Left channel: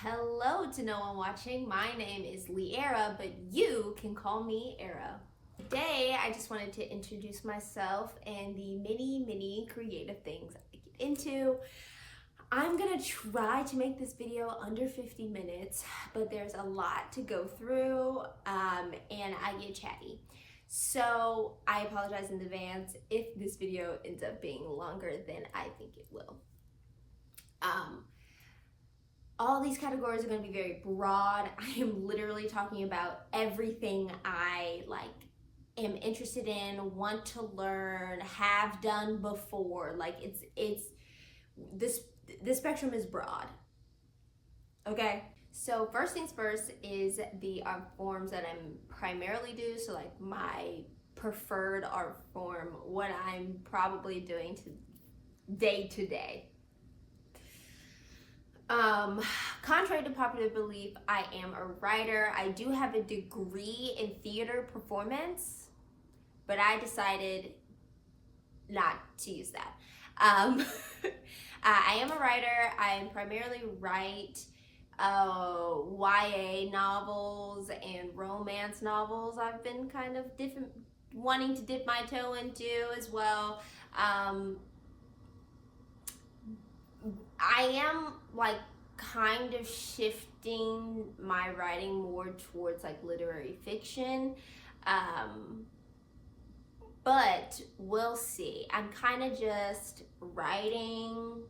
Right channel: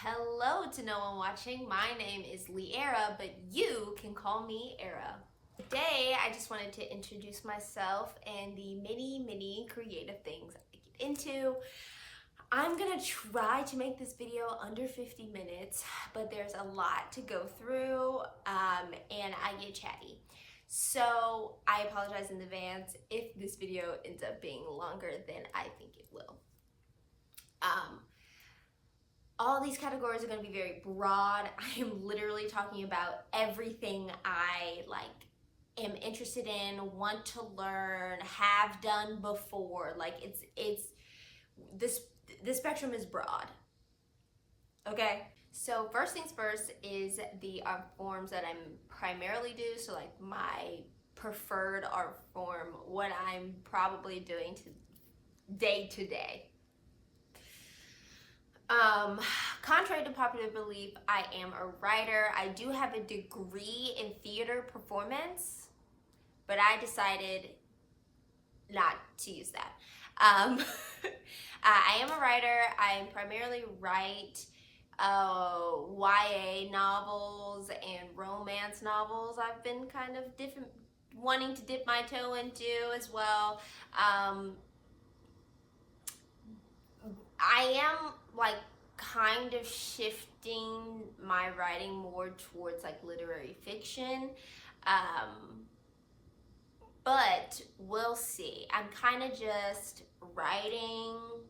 Hello to no one watching. My name is Liara, but you can call me Era. Today, I just wanted to introduce myself and the many creative things I get into. I'm gonna try to make this video under 50 minutes, but there's a lot to go through, and I get chatty. So I apologize in advance if this video ends up being longer than I think it will. All these categories are going to be very broad. I am literally talking about everything I am interested in, want to learn, have done before. The spectrum is broad. Okay, so first things first is the art forms that I'm primarily do. So like my preferred art form, what I'm probably doing day to day. Contrary to popular belief, I am a writer. I do have a degree in theater performance, but I decided not to use that. I am a writer. I primarily write YA novels and romance novels. I've been kind of wanting to dip my toe into as well. I am kind of shifting my writing more towards literary fiction, but we'll see. I'm kind of just writing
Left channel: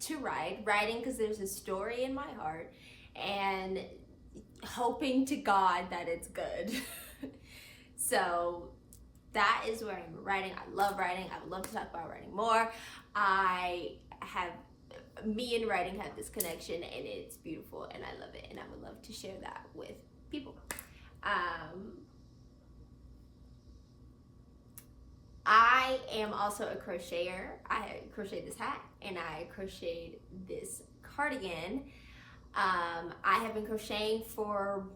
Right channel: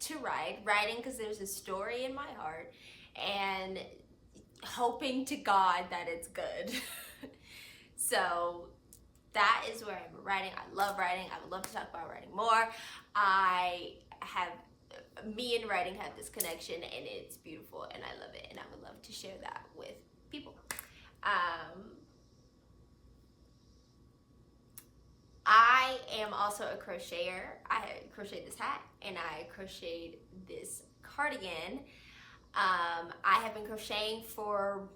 to writing because there's a story in my heart and hoping to God that it's good. So that is where I'm writing. I love writing. I would love to talk about writing more. Me and writing have this connection and it's beautiful and I love it and I would love to share that with people. I am also a crocheter. I crocheted this hat and I crocheted this cardigan. I have been crocheting for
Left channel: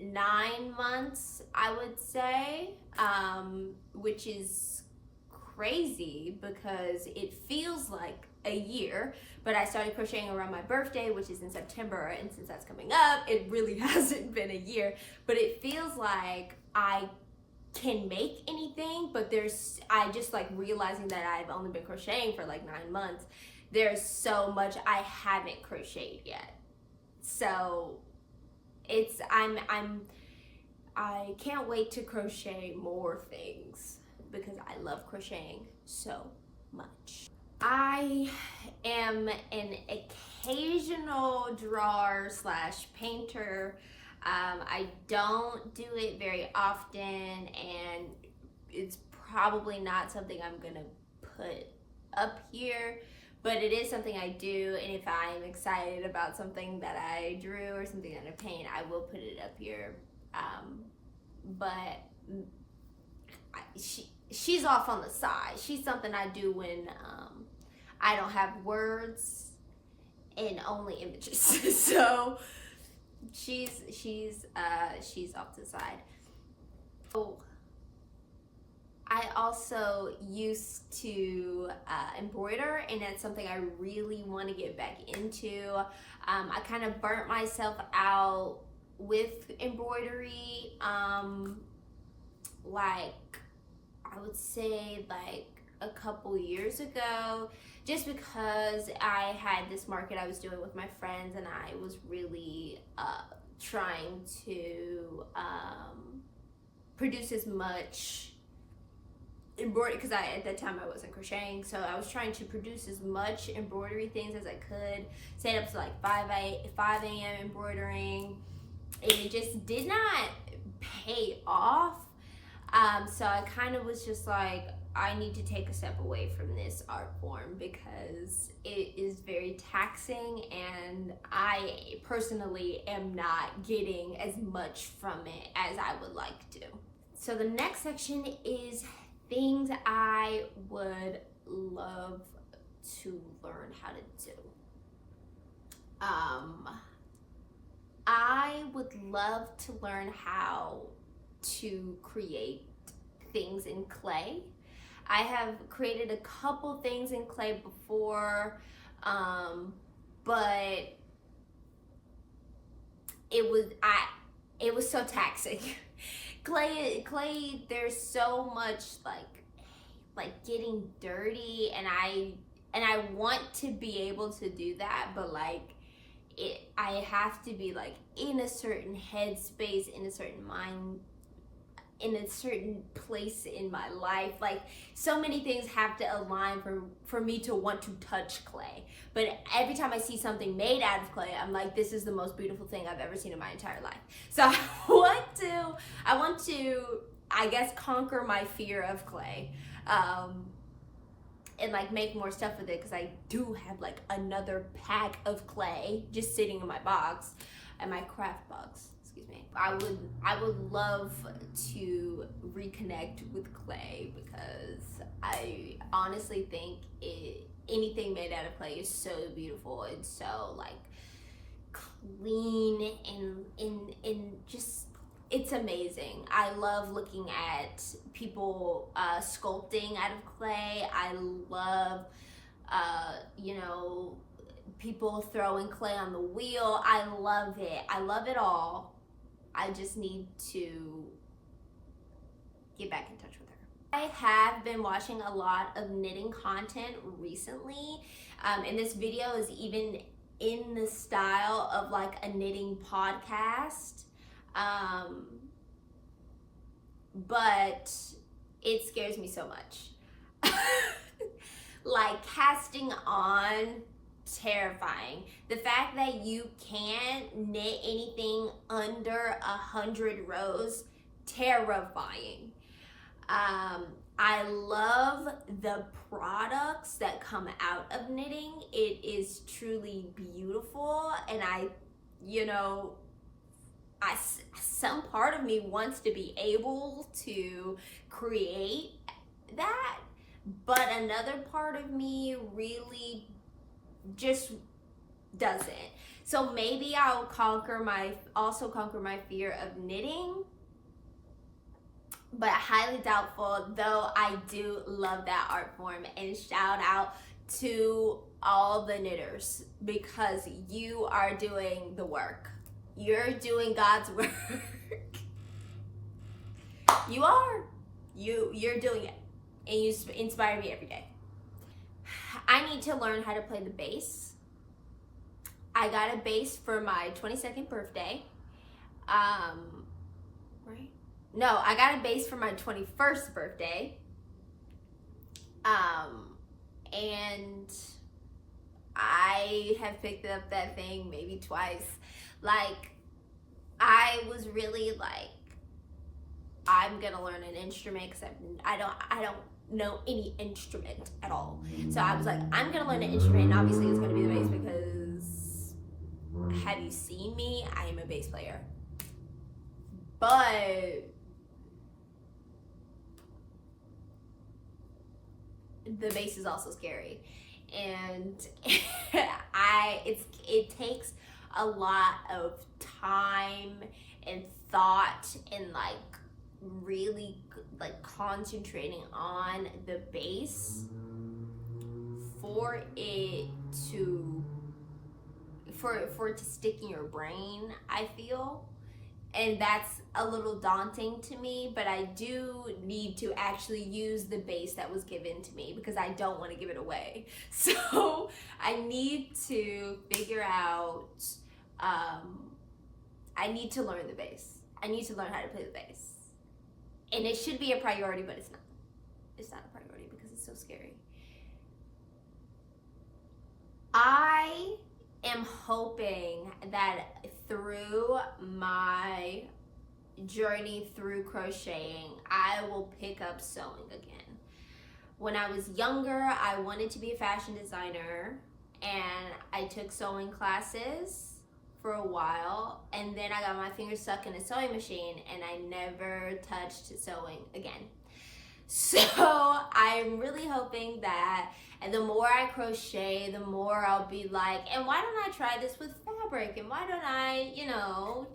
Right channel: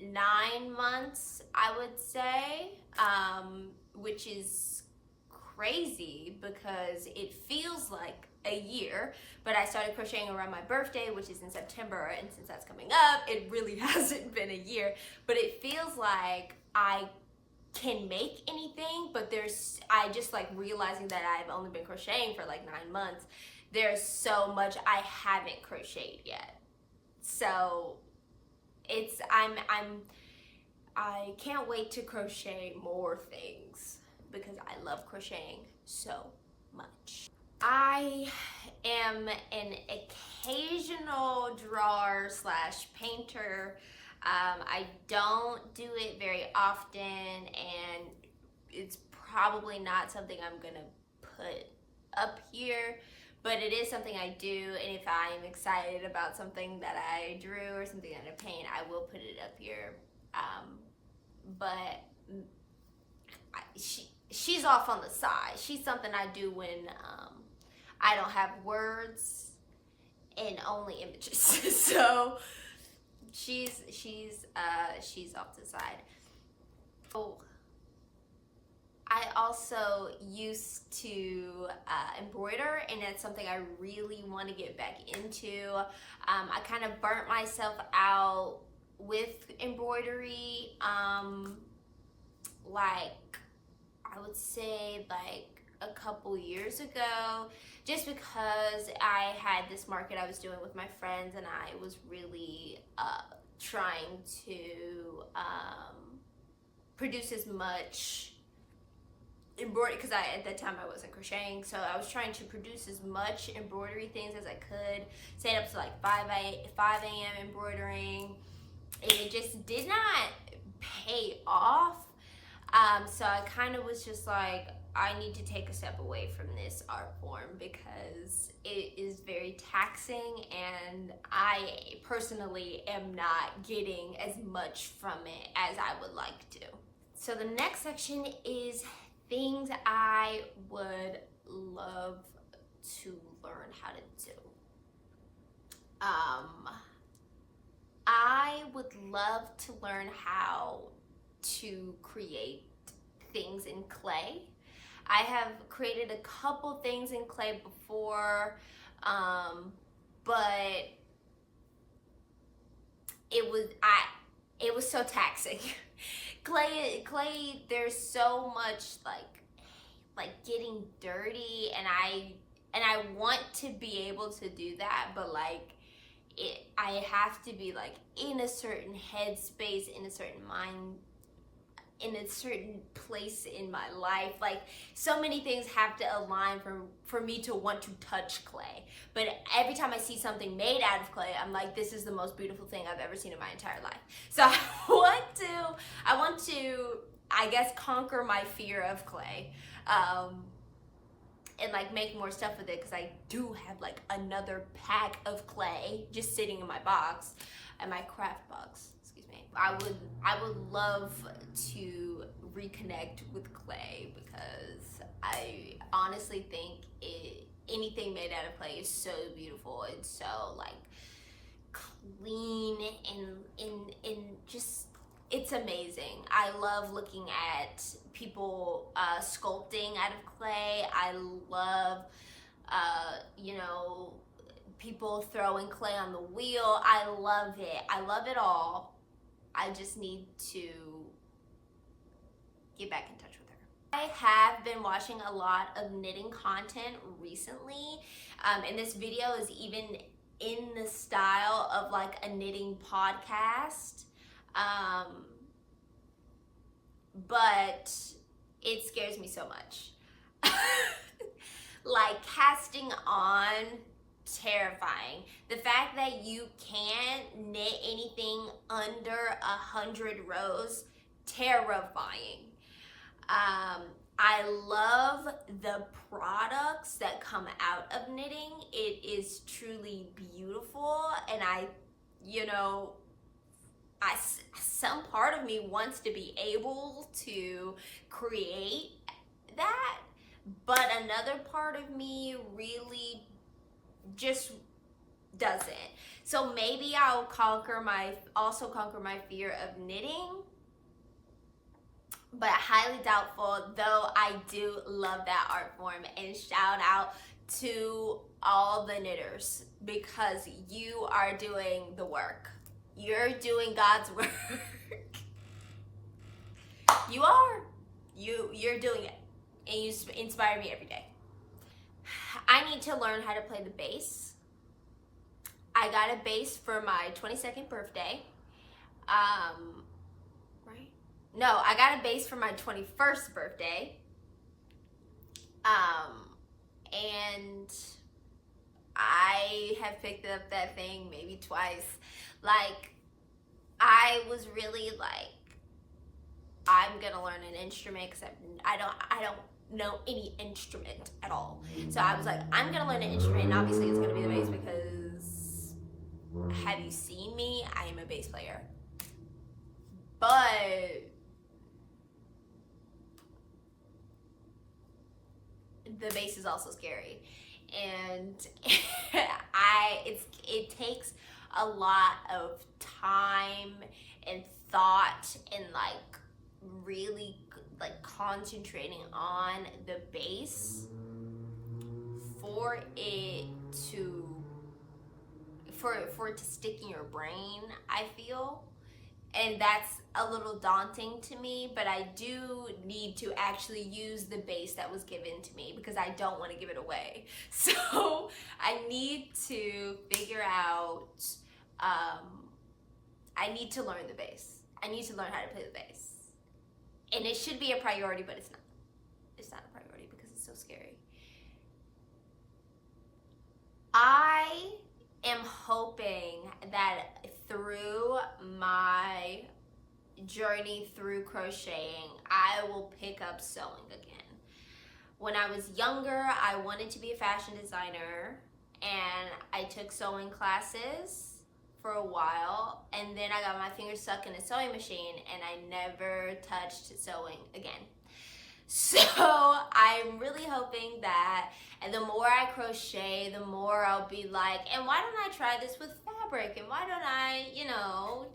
9 months, I would say, which is crazy because it feels like a year, but I started crocheting around my birthday, which is in September, and since that's coming up, it really hasn't been a year, but it feels like I can make anything, but I just realizing that I've only been crocheting for 9 months, there's so much I haven't crocheted yet. So I can't wait to crochet more things because I love crocheting so much. I am an occasional drawer / painter. I don't do it very often and it's probably not something I'm gonna put up here, but it is something I do, and if I'm excited about something that I drew or something that I paint, I will put it up here. But she's off on the side. She's something I do when I don't have words and only images. So she's off to the side. So I also used to embroider, and that's something I really want to get back into. I kind of burnt myself out with embroidery, I would say a couple years ago, just because I had this market I was doing with my friends and I was really trying to produce as much embroidery, because at that time I wasn't crocheting, so I was trying to produce as much embroidery things as I could, staying up to 5 a.m. embroidering, and it just did not pay off. So I kind of was just I need to take a step away from this art form because it is very taxing and I personally am not getting as much from it as I would like to. So the next section is things I would love to learn how to do. I would love to learn how to create things in clay. I have created a couple things in clay before, but it was so taxing. Clay, there's so much like getting dirty, and I want to be able to do that, but like I have to be like in a certain headspace, in a certain mind, in a certain place in my life. Like so many things have to align for me to want to touch clay. But every time I see something made out of clay, I'm like, this is the most beautiful thing I've ever seen in my entire life. So I want to I guess conquer my fear of clay, and like make more stuff with it, because I do have like another pack of clay just sitting in my box, and my craft box. Excuse me. I would love to reconnect with clay, because I honestly think anything made out of clay is so beautiful and so like clean and just, it's amazing. I love looking at people sculpting out of clay. I love people throwing clay on the wheel. I love it. I love it all. I just need to get back in touch with her. I have been watching a lot of knitting content recently, and this video is even in the style of like a knitting podcast. But it scares me so much. Like casting on, terrifying. The fact that you can't knit anything under 100 rows, terrifying. I love the products that come out of knitting. It is truly beautiful, and some part of me wants to be able to create that, but another part of me really just doesn't. So maybe I'll also conquer my fear of knitting, but highly doubtful, though I do love that art form. And shout out to all the knitters, because you are doing the work. You're doing God's work. You are. You're doing it. And you inspire me every day. I need to learn how to play the bass. I got a bass for my 22nd birthday. Right? No, I got a bass for my 21st birthday. And I have picked up that thing maybe twice. Like, I was really like, I'm gonna learn an instrument, because I don't know any instrument at all. So I was like, I'm gonna learn an instrument, and obviously it's gonna be the bass, because have you seen me? I am a bass player. But the bass is also scary, and it takes a lot of time and thought, and like really like concentrating on the bass for it to stick in your brain, I feel. And that's a little daunting to me, but I do need to actually use the bass that was given to me, because I don't want to give it away. So I need to figure out, I need to learn the bass. I need to learn how to play the bass. And it should be a priority, but it's not. It's not a priority because it's so scary. I am hoping that through my journey through crocheting, I will pick up sewing again. When I was younger, I wanted to be a fashion designer, and I took sewing classes for a while, and then I got my fingers stuck in a sewing machine, and I never touched sewing again. So I'm really hoping that, and the more I crochet, the more I'll be like, and why don't I try this with fabric? And why don't I,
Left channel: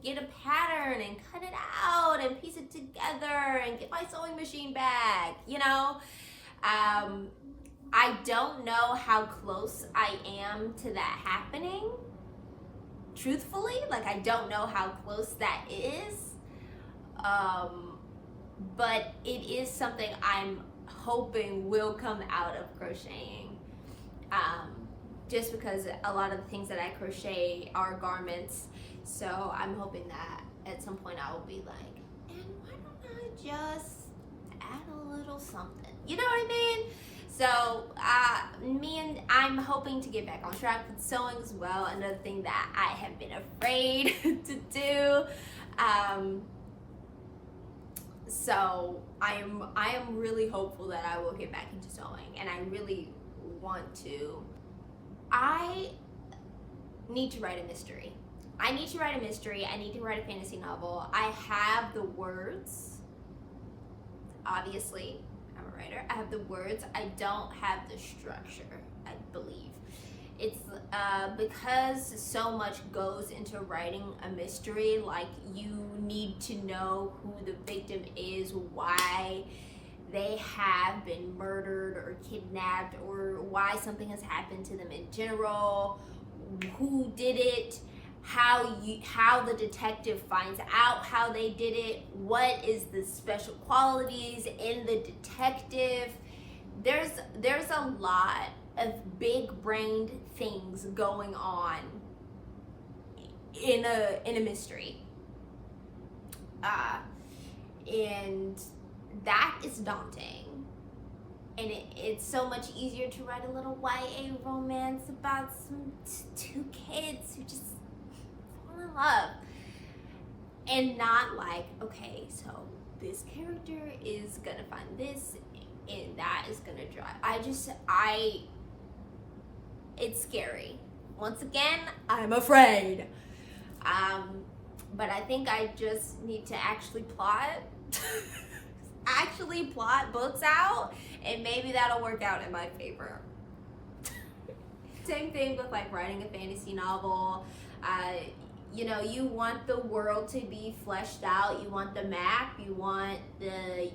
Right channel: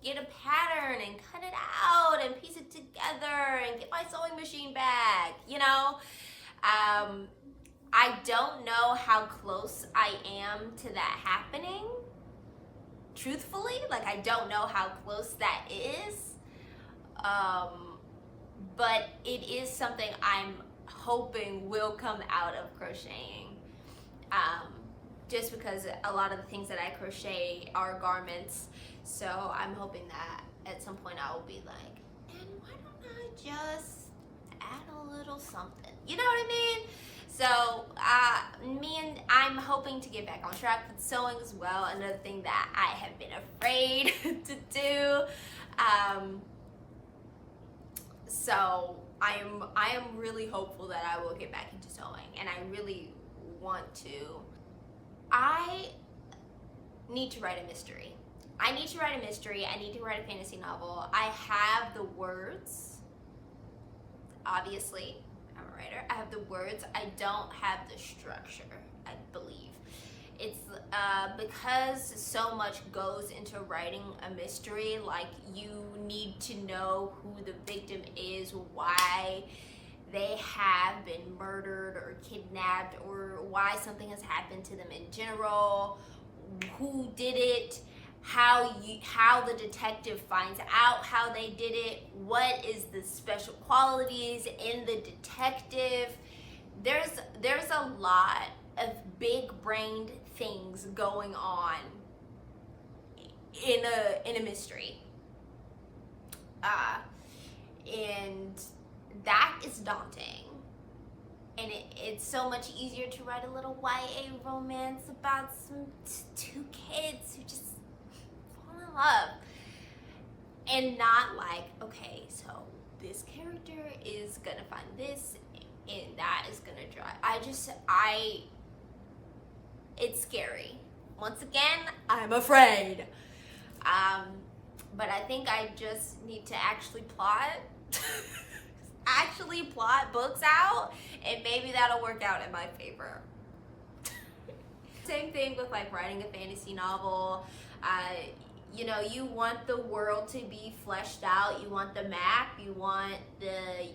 get a pattern and cut it out and piece it together and get my sewing machine back, I don't know how close I am to that happening. Truthfully, like I don't know how close that is. But it is something I'm hoping will come out of crocheting. Just because a lot of the things that I crochet are garments. So I'm hoping that at some point I will be like, and why don't I just add a little something? You know what I mean? So I'm hoping to get back on track with sewing as well. Another thing that I have been afraid to do. So I am really hopeful that I will get back into sewing, and I really want to. I need to write a mystery. I need to write a mystery. I need to write a fantasy novel. I have the words, obviously. I'm a writer. I have the words. I don't have the structure, I believe. It's because so much goes into writing a mystery. Like, you need to know who the victim is, why they have been murdered or kidnapped, or why something has happened to them in general, who did it, how the detective finds out how they did it, what is the special qualities in the detective. There's a lot of big-brained things going on in a mystery, and that is daunting. And it's so much easier to write a little YA romance about two kids who just fall in love, and not like, okay, so this character is gonna find this and that is gonna drive. It's scary. Once again, I'm afraid. But I think I just need to actually plot books out, and maybe that'll work out in my favor. Same thing with like writing a fantasy novel. You want the world to be fleshed out. You want the map. You want the,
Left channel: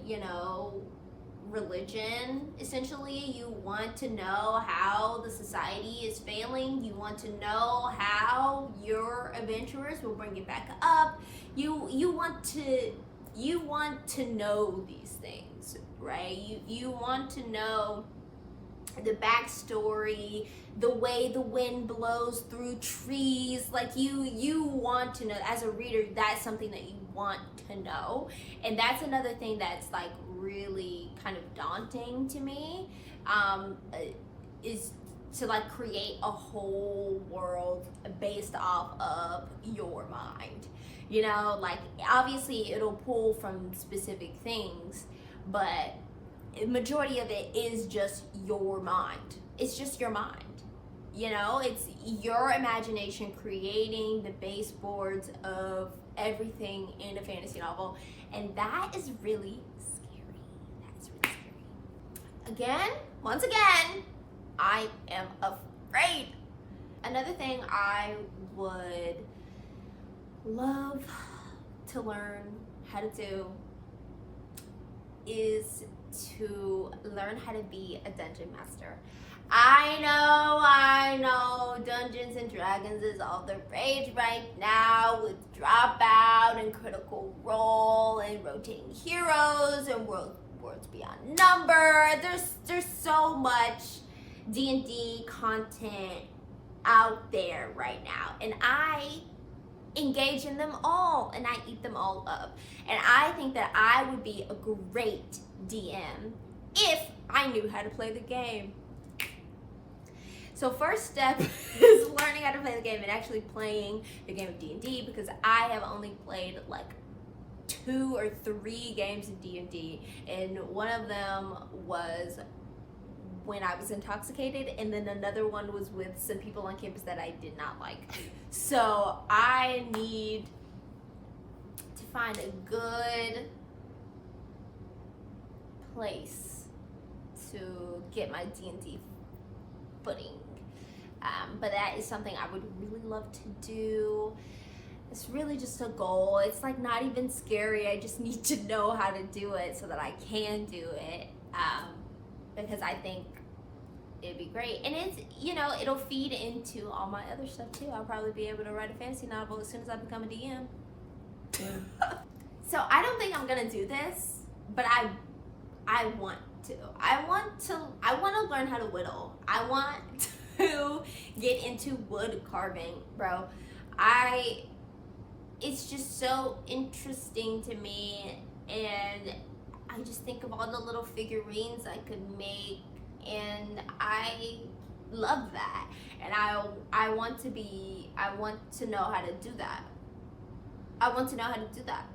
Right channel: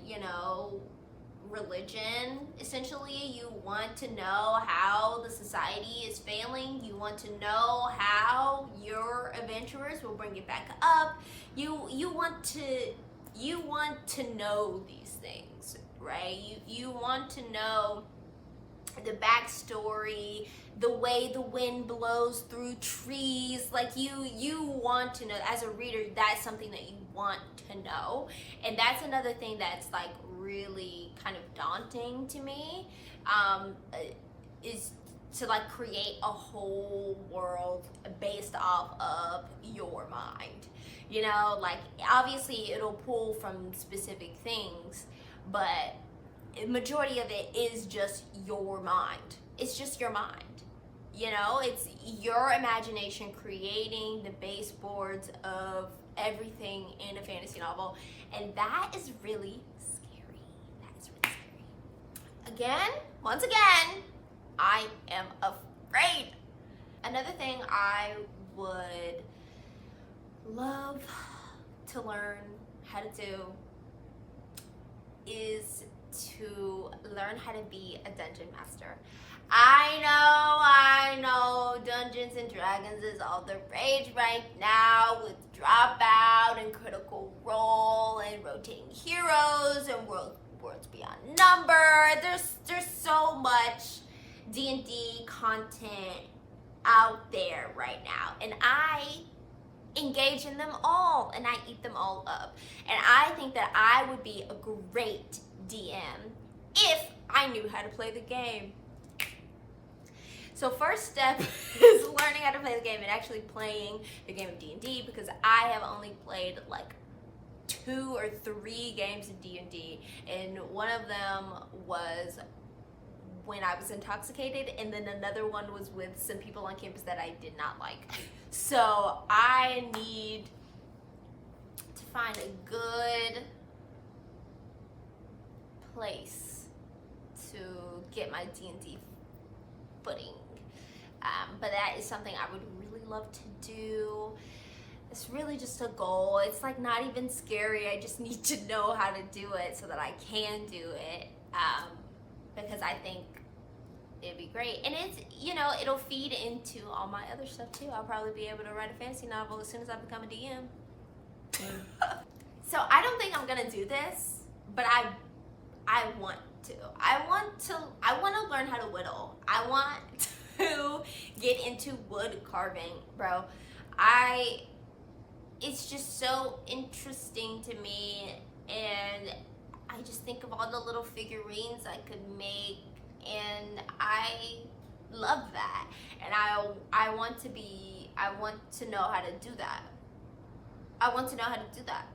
religion, essentially. You want to know how the society is failing. You want to know how your adventurers will bring it back up. You want to know these things, right? You want to know the backstory, the way the wind blows through trees. Like, you want to know, as a reader, that's something that you want to know. And that's another thing that's like really kind of daunting to me, is to like create a whole world based off of your mind. Like, obviously it'll pull from specific things, but the majority of it is just your mind. It's just your mind. It's your imagination creating the baseboards of everything in a fantasy novel, and that is really scary. That's really scary. Once again, I am afraid. Another thing I would love to learn how to do is to learn how to be a dungeon master. I know, Dungeons and Dragons is all the rage right now with Dropout and Critical Role and rotating heroes and worlds beyond number. There's so much D&D content out there right now, and I engage in them all and I eat them all up. And I think that I would be a great DM if I knew how to play the game. So first step is learning how to play the game and actually playing the game of D&D, because I have only played like 2 or 3 games of D&D, and one of them was when I was intoxicated, and then another one was with some people on campus that I did not like. So I need to find a good place to get my D&D footing. But that is something I would really love to do. It's really just a goal. It's like not even scary. I just need to know how to do it so that I can do it. Because I think it'd be great. And it's, you know, it'll feed into all my other stuff too. I'll probably be able to write a fantasy novel as soon as I become a DM. Yeah. So I don't think I'm gonna do this, but I want to. I want to learn how to whittle. I want to get into wood carving, bro. It's just so interesting to me, and I just think of all the little figurines I could make, and I love that. And I want to know how to do that. I want to know how to do that.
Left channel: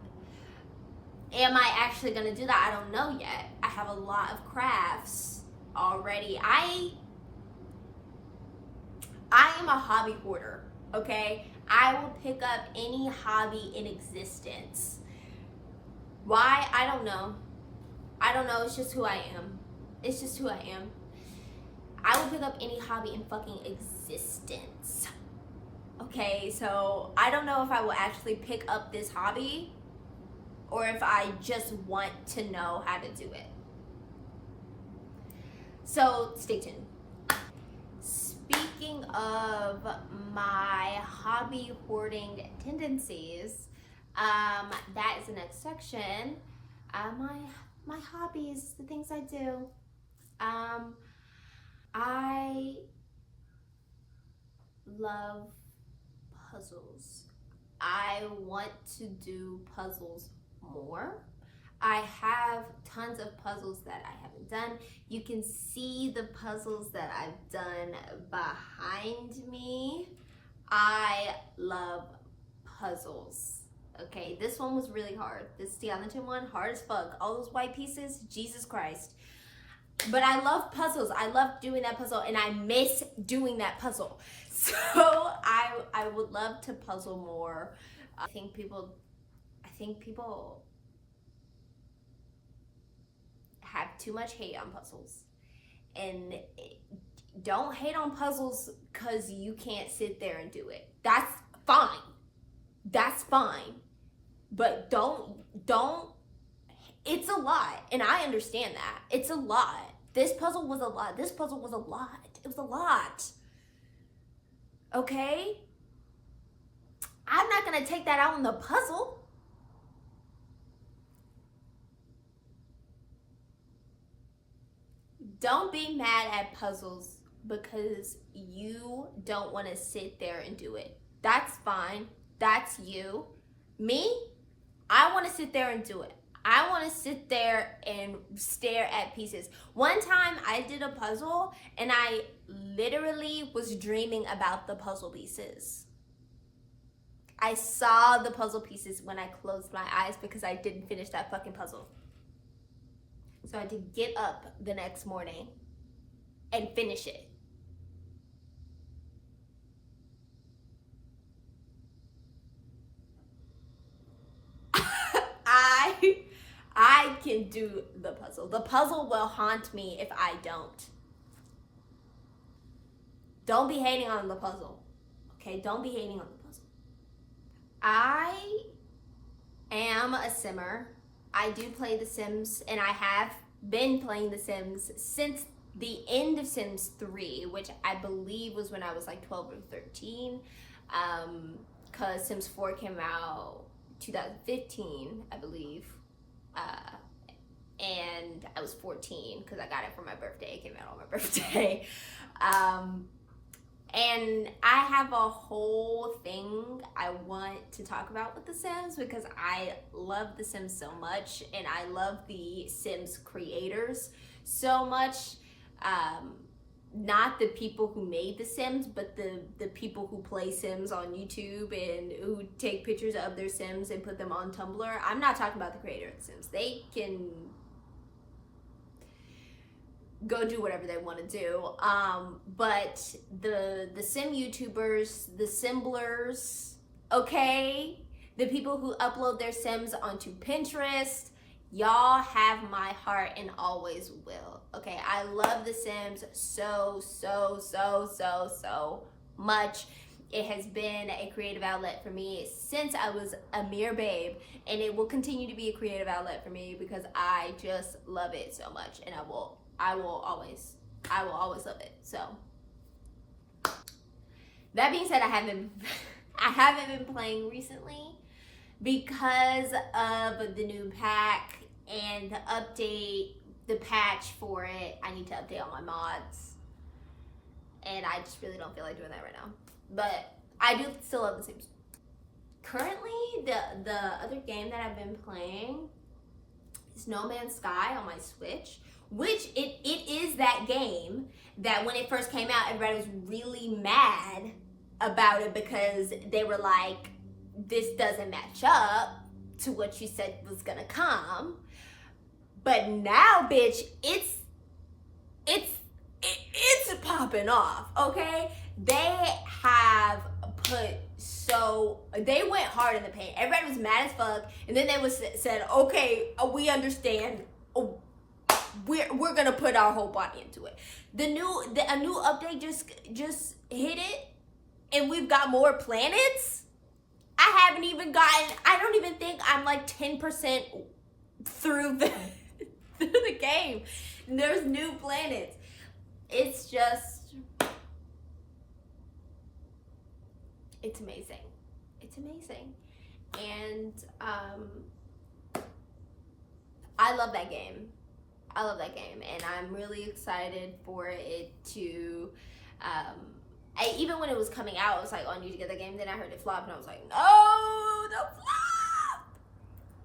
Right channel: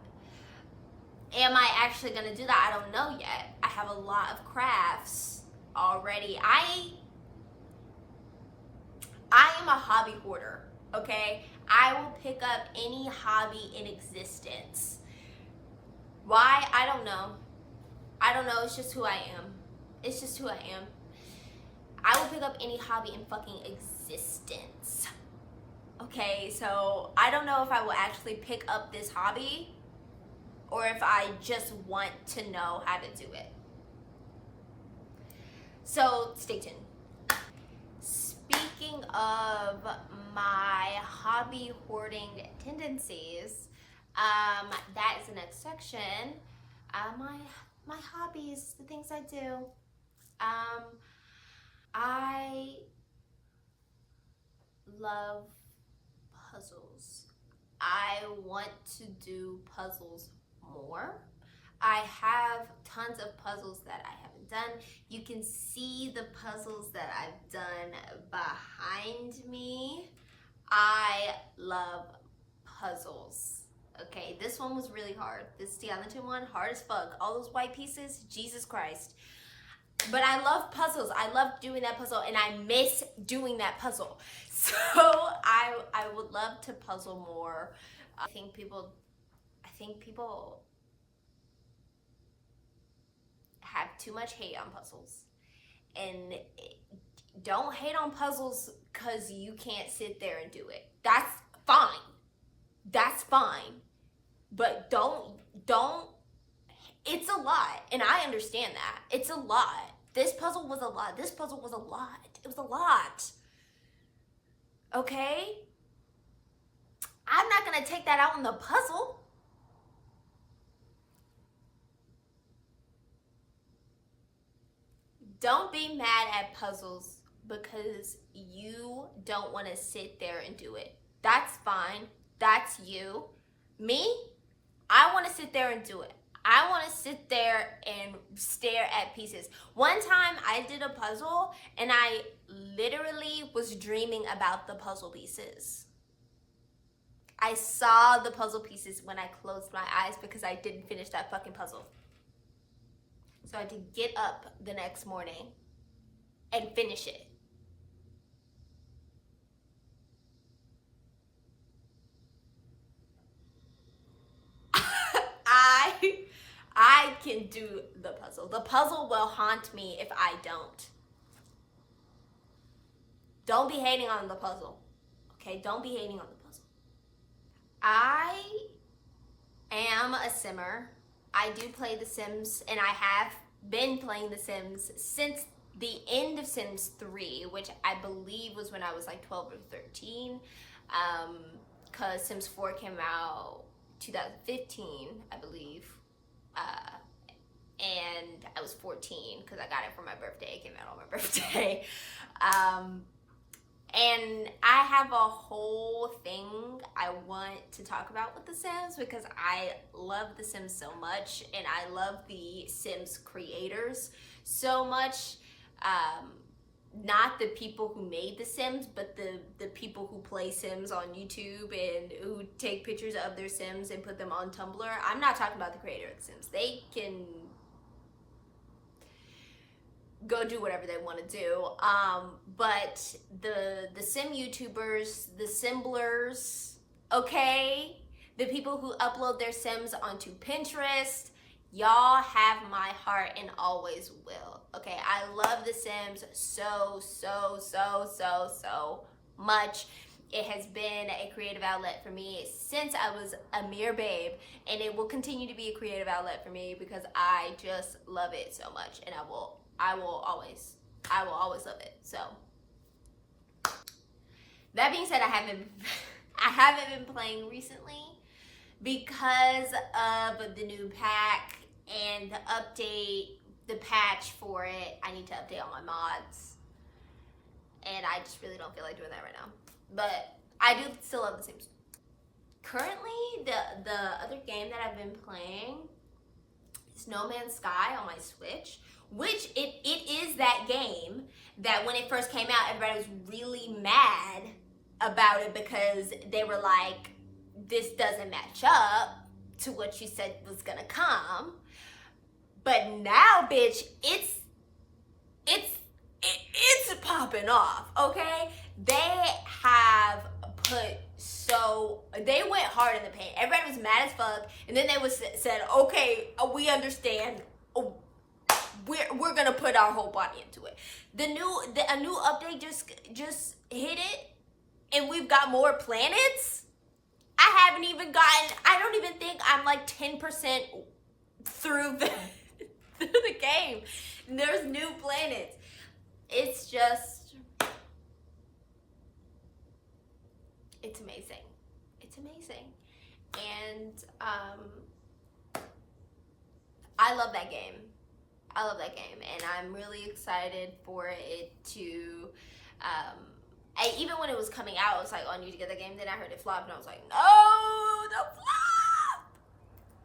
Am I actually gonna do that? I don't know yet. I have a lot of crafts already. I am a hobby hoarder, okay? I will pick up any hobby in existence. Why? I don't know. I don't know. It's just who I am. It's just who I am. I will pick up any hobby in fucking existence. Okay, so I don't know if I will actually pick up this hobby or if I just want to know how to do it. So stay tuned. Speaking of my hobby hoarding tendencies, that is the next section. My hobbies, the things I do. I love puzzles. I want to do puzzles more. I have tons of puzzles that I haven't done. You can see the puzzles that I've done behind me. I love puzzles. Okay, this one was really hard. This skeleton one, hard as fuck. All those white pieces, Jesus Christ. But I love puzzles. I love doing that puzzle, and I miss doing that puzzle. So I would love to puzzle more. I think people have too much hate on puzzles. And don't hate on puzzles because you can't sit there and do it. That's fine. That's fine. But don't, it's a lot. And I understand that. It's a lot. This puzzle was a lot. This puzzle was a lot. It was a lot. Okay? I'm not going to take that out on the puzzle. Don't be mad at puzzles because you don't want to sit there and do it. That's fine. That's you. Me, I want to sit there and do it. I want to sit there and stare at pieces. One time I did a puzzle and I literally was dreaming about the puzzle pieces. I saw the puzzle pieces when I closed my eyes because I didn't finish that fucking puzzle. So I had to get up the next morning and finish it. I can do the puzzle. The puzzle will haunt me if I don't. Don't be hating on the puzzle. Okay, don't be hating on the puzzle. I am a simmer. I do play The Sims, and I have been playing The Sims since the end of Sims 3, which I believe was when I was like 12 or 13, because Sims 4 came out 2015, I believe, and I was 14 because I got it for my birthday. It came out on my birthday. And I have a whole thing I want to talk about with The Sims because I love The Sims so much, and I love the Sims creators so much. Not the people who made The Sims, but the people who play Sims on YouTube and who take pictures of their Sims and put them on Tumblr. I'm not talking about the creator of The Sims. They can go do whatever they want to do, but the sim YouTubers, the Simblers, okay, the people who upload their Sims onto Pinterest, y'all have my heart and always will. Okay, I love The Sims so much. It has been a creative outlet for me since I was a mere babe, and it will continue to be a creative outlet for me because I just love it so much, and I will always I will always love it. So that being said, I haven't been playing recently because of the new pack and the patch for it. I need to update all my mods, and I just really don't feel like doing that right now. But I do still love The Sims. Currently, the other game that I've been playing is No Man's Sky on my Switch, which it is that game that when it first came out, everybody was really mad about it because they were like, this doesn't match up to what you said was gonna come. But now, bitch, it's popping off, okay? They went hard in the paint. Everybody was mad as fuck, and then they said, okay, we understand. We're gonna put our whole body into it. A new update just hit it, and we've got more planets. I don't even think I'm like 10% through the game. And there's new planets. It's amazing. It's amazing. And I love that game. And I'm really excited for it to even when it was coming out, it was like, oh, I need to get that game. Then I heard it flop, and I was like, no, don't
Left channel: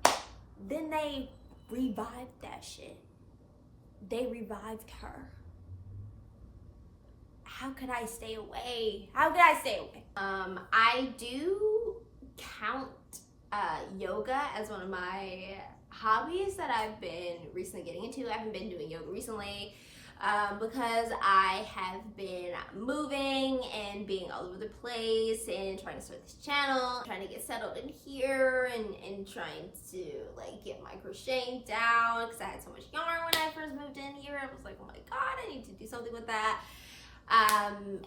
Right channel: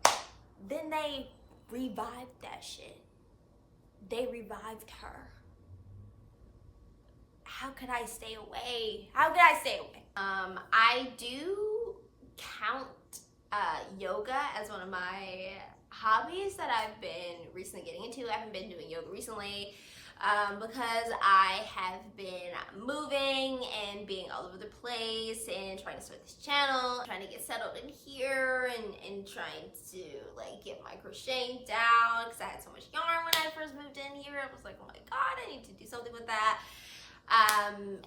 flop. Then they revived that shit. They revived her. How could I stay away? I do count yoga as one of my hobbies that I've been recently getting into. I haven't been doing yoga recently because I have been moving and being all over the place and trying to start this channel, trying to get settled in here and trying to like get my crocheting down because I had so much yarn when I first moved in here. I was like, oh my god, I need to do something with that.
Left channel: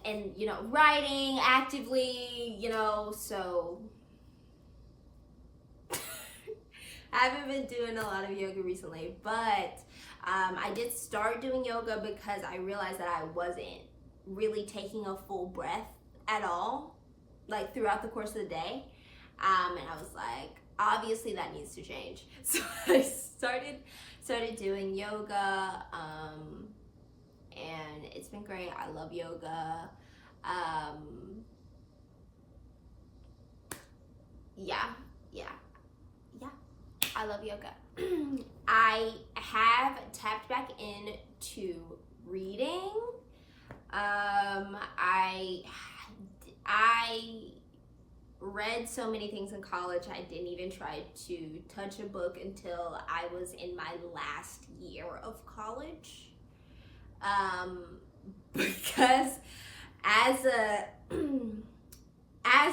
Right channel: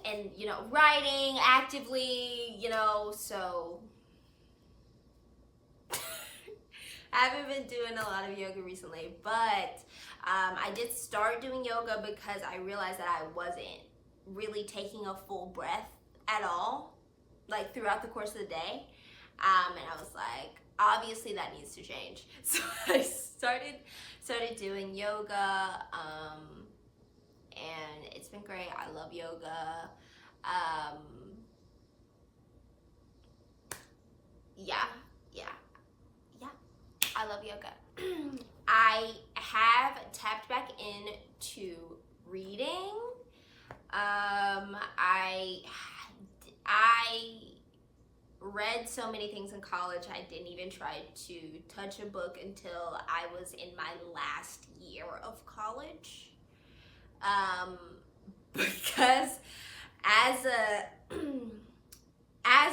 And you know, writing actively, you know, so I haven't been doing a lot of yoga recently, but I did start doing yoga because I realized that I wasn't really taking a full breath at all, like throughout the course of the day. And I was like, obviously that needs to change. So I started doing yoga, and it's been great. I love yoga. I love yoga. I have tapped back into reading. I read so many things in college. I didn't even try to touch a book until I was in my last year of college. Because as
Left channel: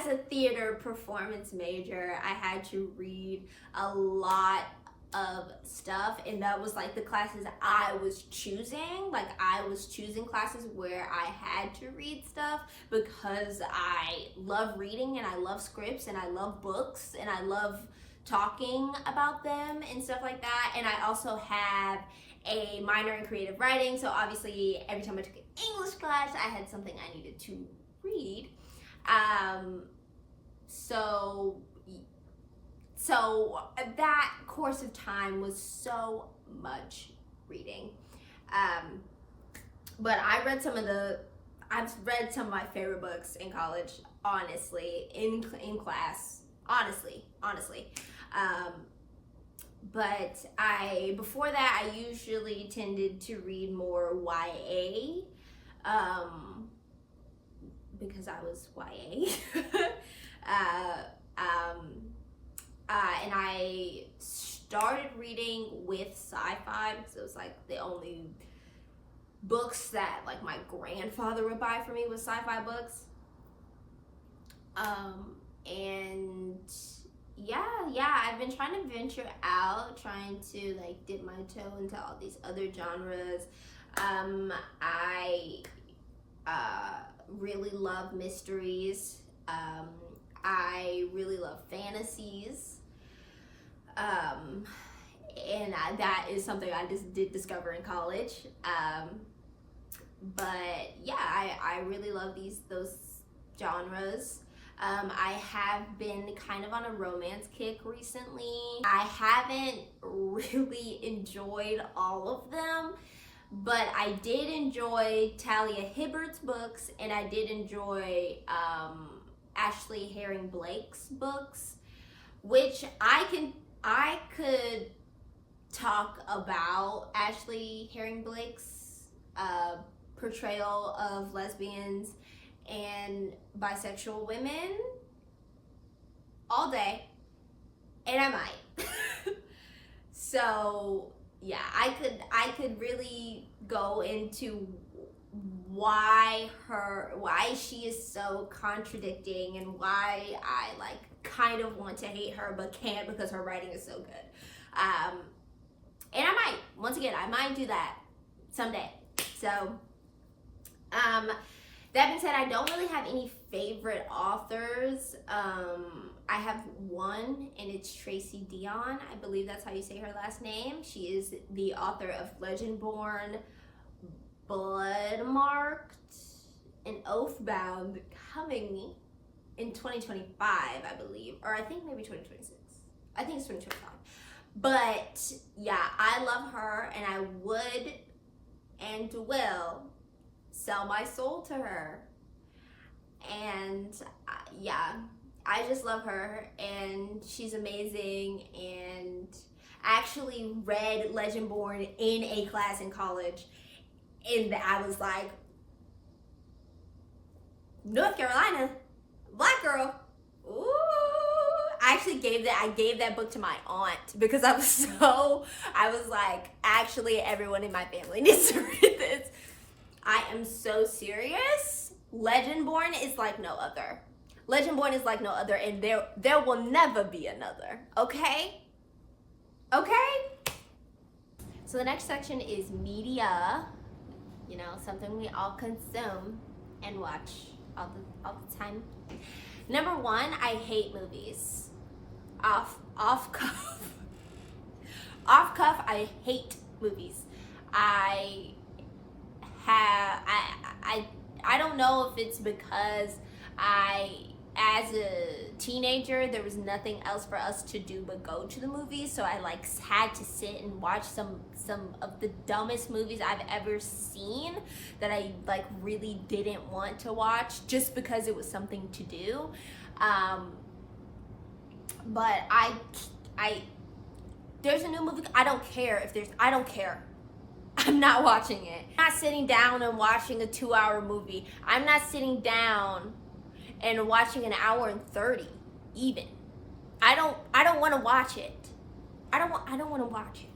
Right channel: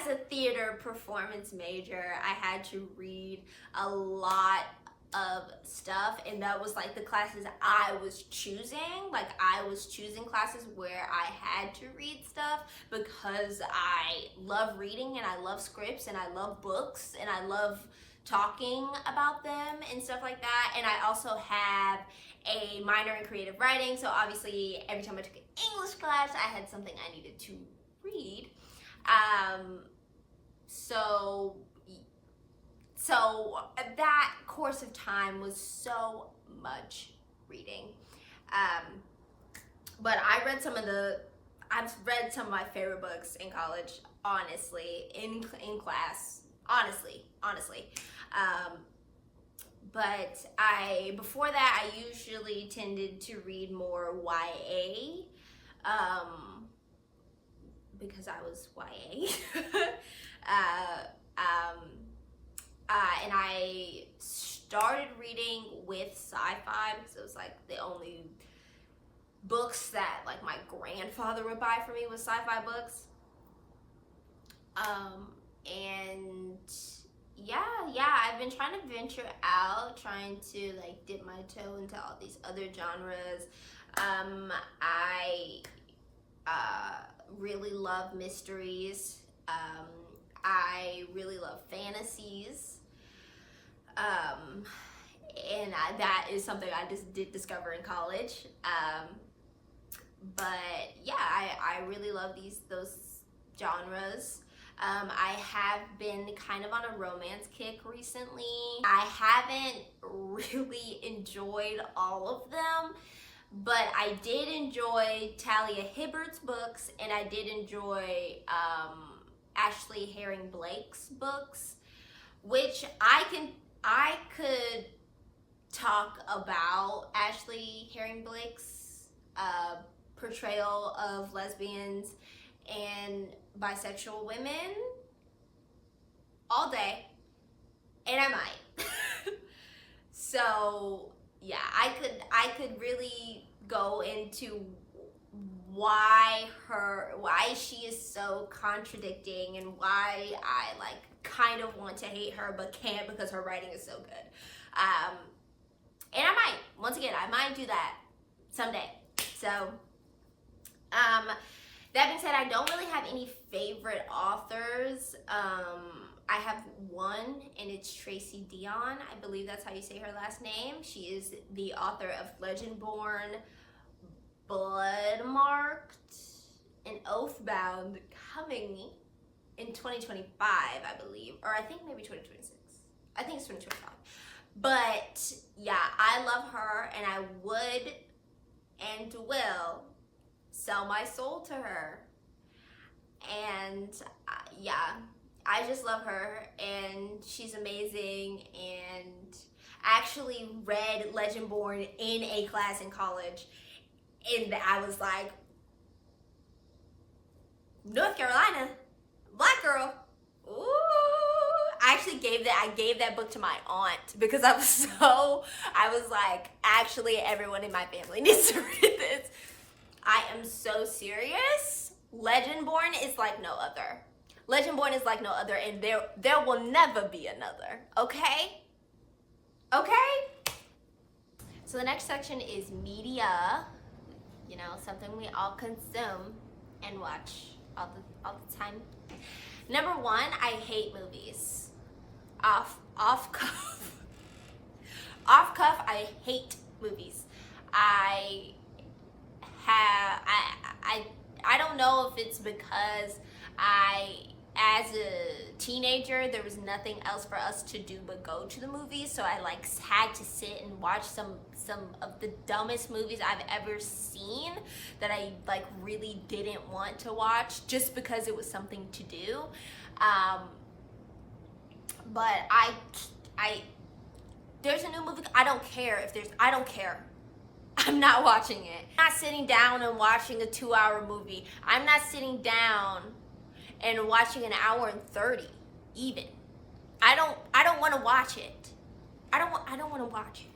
a theater performance major, I had to read a lot of stuff, and that was like the classes I was choosing. Like I was choosing classes where I had to read stuff because I love reading and I love scripts and I love books and I love talking about them and stuff like that. And I also have a minor in creative writing, so obviously every time I took an English class, I had something I needed to read. So that course of time was so much reading. But I've read some of my favorite books in college, honestly, in class, honestly. But before that, I usually tended to read more YA, because I was YA. And I started reading with sci-fi because it was like the only books that like my grandfather would buy for me was sci-fi books. And I've been trying to venture out, trying to like dip my toe into all these other genres. I really love mysteries. I really love fantasies. And that is something I just did discover in college. but yeah, I really love those genres. I have been kind of on a romance kick recently. I haven't really enjoyed all of them, but I did enjoy Talia Hibbert's books, and I did enjoy Ashley Herring Blake's books, which I could talk about Ashley Herring Blake's portrayal of lesbians and bisexual women all day, and I might. So yeah, I could really go into why she is so contradicting, and why I like kind of want to hate her but can't because her writing is so good. And I might, once again, I might do that someday. So that being said, I don't really have any favorite authors. I have one, and it's Tracy Deonn. I believe that's how you say her last name. She is the author of Legendborn, Bloodmarked, and Oathbound, coming in 2025, I believe. Or I think maybe 2026. I think it's 2025. But yeah, I love her, and I would and will sell my soul to her. And yeah, I just love her, and she's amazing. And I actually read Legendborn in a class in college, and I was like, North Carolina, black girl, ooh. I actually gave that book to my aunt because I was like, actually everyone in my family needs to read this. I am so serious. Legendborn is like no other. Legendborn is like no other, and there will never be another. Okay? Okay? So the next section is media. You know, something we all consume and watch all the time. Number one, I hate movies. Off cuff, I hate movies. I don't know if it's because as a teenager, there was nothing else for us to do but go to the movies, so I like had to sit and watch some of the dumbest movies I've ever seen that I like really didn't want to watch just because it was something to do. But there's a new movie, I don't care. I'm not watching it. I'm not sitting down and watching a 2-hour movie. I'm not sitting down and watching an hour and 30 even. I don't want to watch it. I don't want to watch it.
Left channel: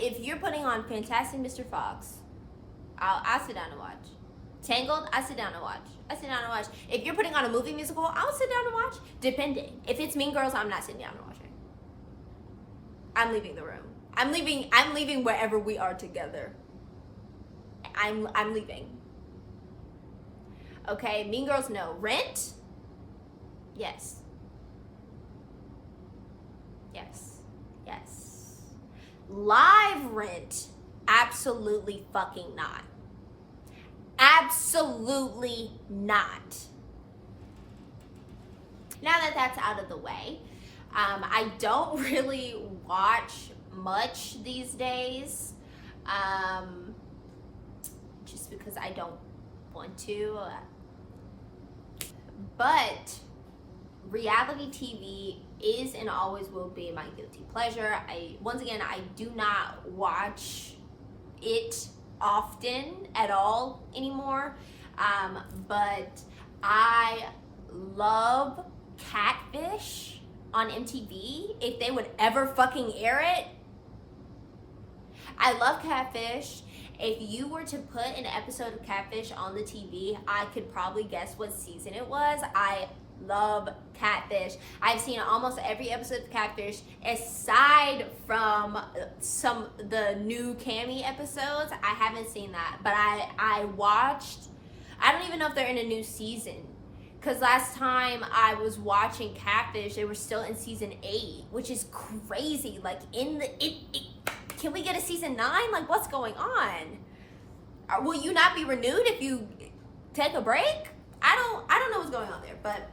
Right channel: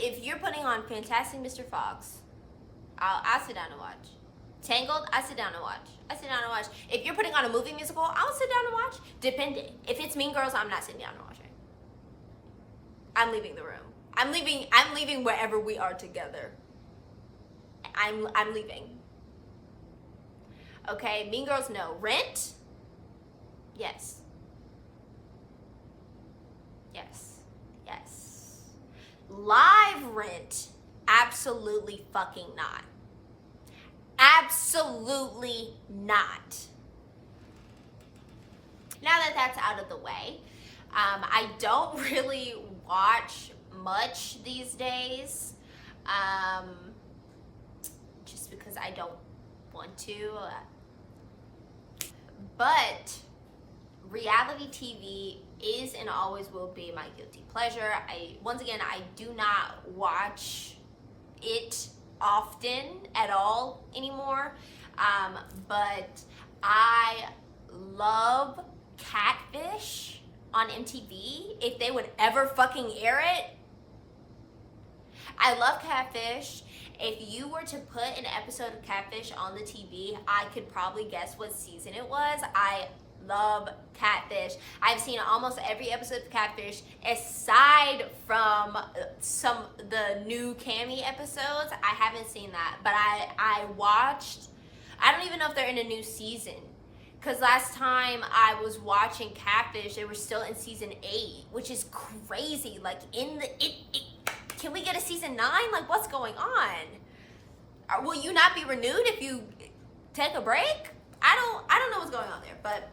If you're putting on Fantastic Mr. Fox, I'll sit down and watch. Tangled, I sit down and watch. If you're putting on a movie musical, I'll sit down and watch, depending. If it's Mean Girls, I'm not sitting down and watching. I'm leaving the room. I'm leaving wherever we are together. I'm leaving. Okay, Mean Girls, no. Rent? Yes. Live Rent? Absolutely fucking not. Absolutely not. Now that that's out of the way, I don't really watch much these days, just because I don't want to. But reality TV is and always will be my guilty pleasure. Once again, I do not watch it often at all anymore, but I love Catfish on MTV. If they would ever fucking air it, I love Catfish. If you were to put an episode of Catfish on the TV, I could probably guess what season it was. I love Catfish. I've seen almost every episode of Catfish aside from the new Cammy episodes. I haven't seen that, but I watched. I don't even know if they're in a new season, because last time I was watching Catfish, they were still in season 8, which is crazy. Like can we get a season 9? Like, what's going on? Will you not be renewed if you take a break? I don't know what's going on there, but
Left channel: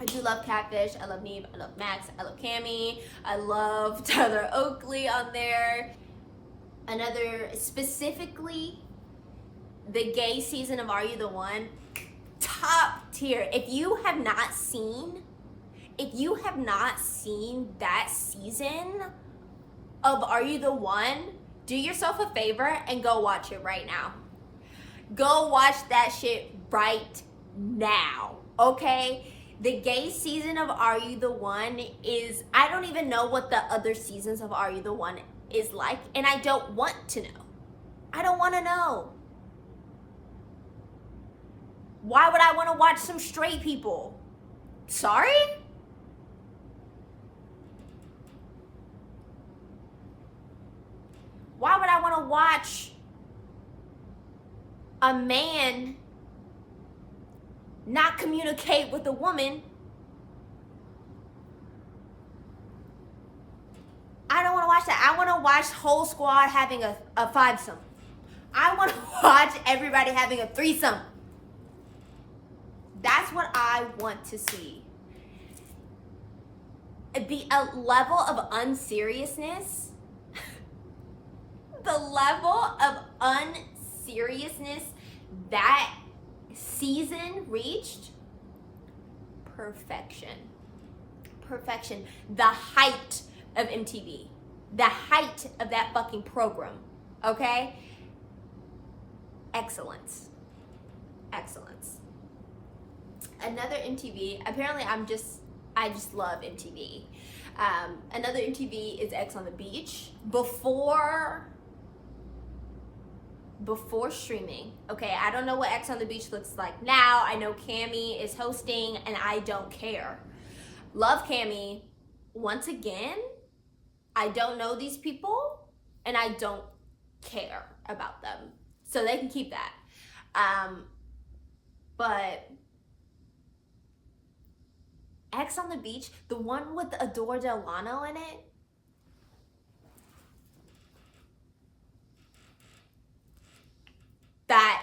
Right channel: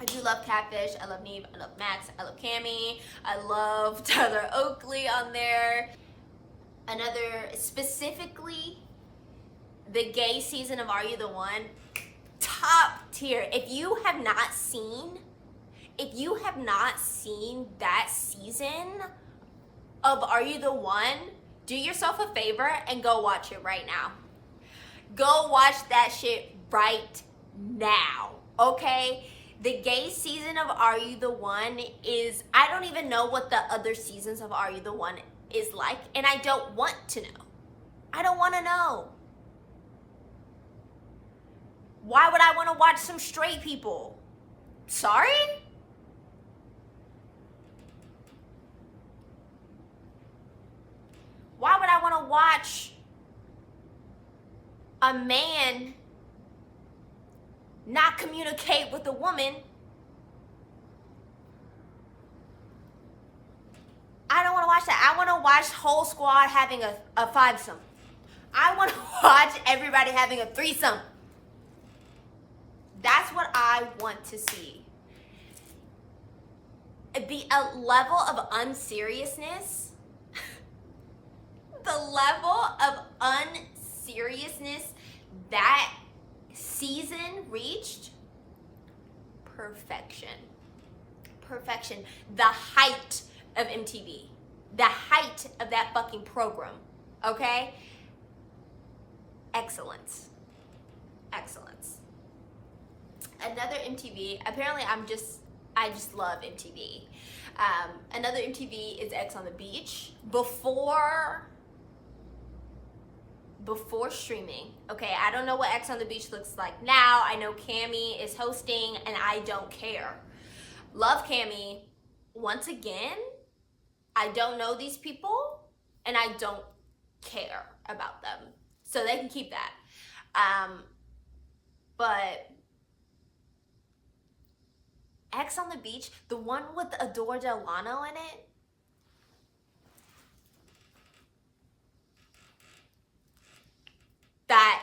I do love Catfish. I love Neve. I love Max. I love Cammy. I love Tyler Oakley on there. Another, specifically, the gay season of Are You the One? Top tier. If you have not seen that season of Are You the One, do yourself a favor and go watch it right now. Go watch that shit right now, okay? The gay season of Are You the One is, I don't even know what the other seasons of Are You the One is like, and I don't want to know. I don't want to know. Why would I want to watch some straight people? Sorry? Why would I want to watch a man not communicate with a woman? I don't want to watch that. I want to watch whole squad having a fivesome. I want to watch everybody having a threesome. That's what I want to see. The level of unseriousness, the level of unseriousness that season reached, perfection. Perfection. The height of MTV. The height of that fucking program. Okay? Excellence. Excellence. Another MTV, apparently I just love MTV. Another MTV is X on the Beach. Before streaming, okay, I don't know what X on the Beach looks like now. I know Cammy is hosting and I don't care. Love Cammy. Once again, I don't know these people and I don't care about them. So they can keep that. But X on the Beach, the one with Adore Delano in it, that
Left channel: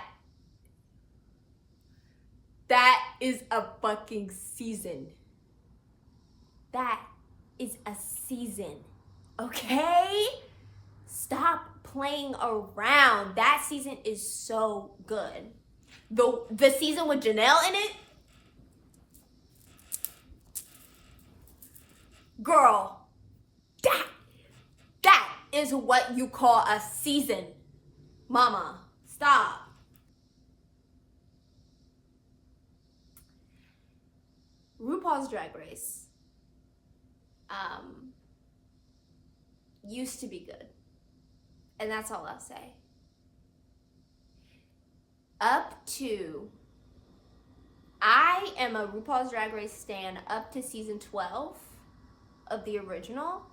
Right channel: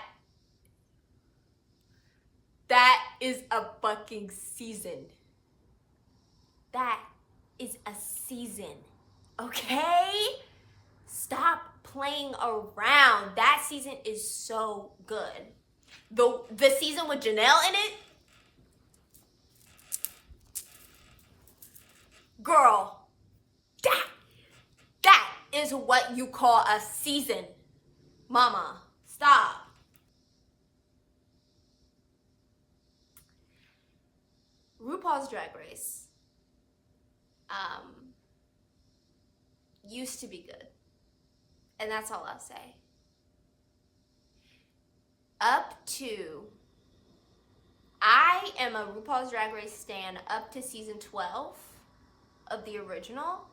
is a fucking season. That is a season. Okay? Stop playing around. That season is so good. The season with Janelle in it, girl, that is what you call a season. Mama, stop. RuPaul's Drag Race used to be good. And that's all I'll say. I am a RuPaul's Drag Race stan up to season 12 of the original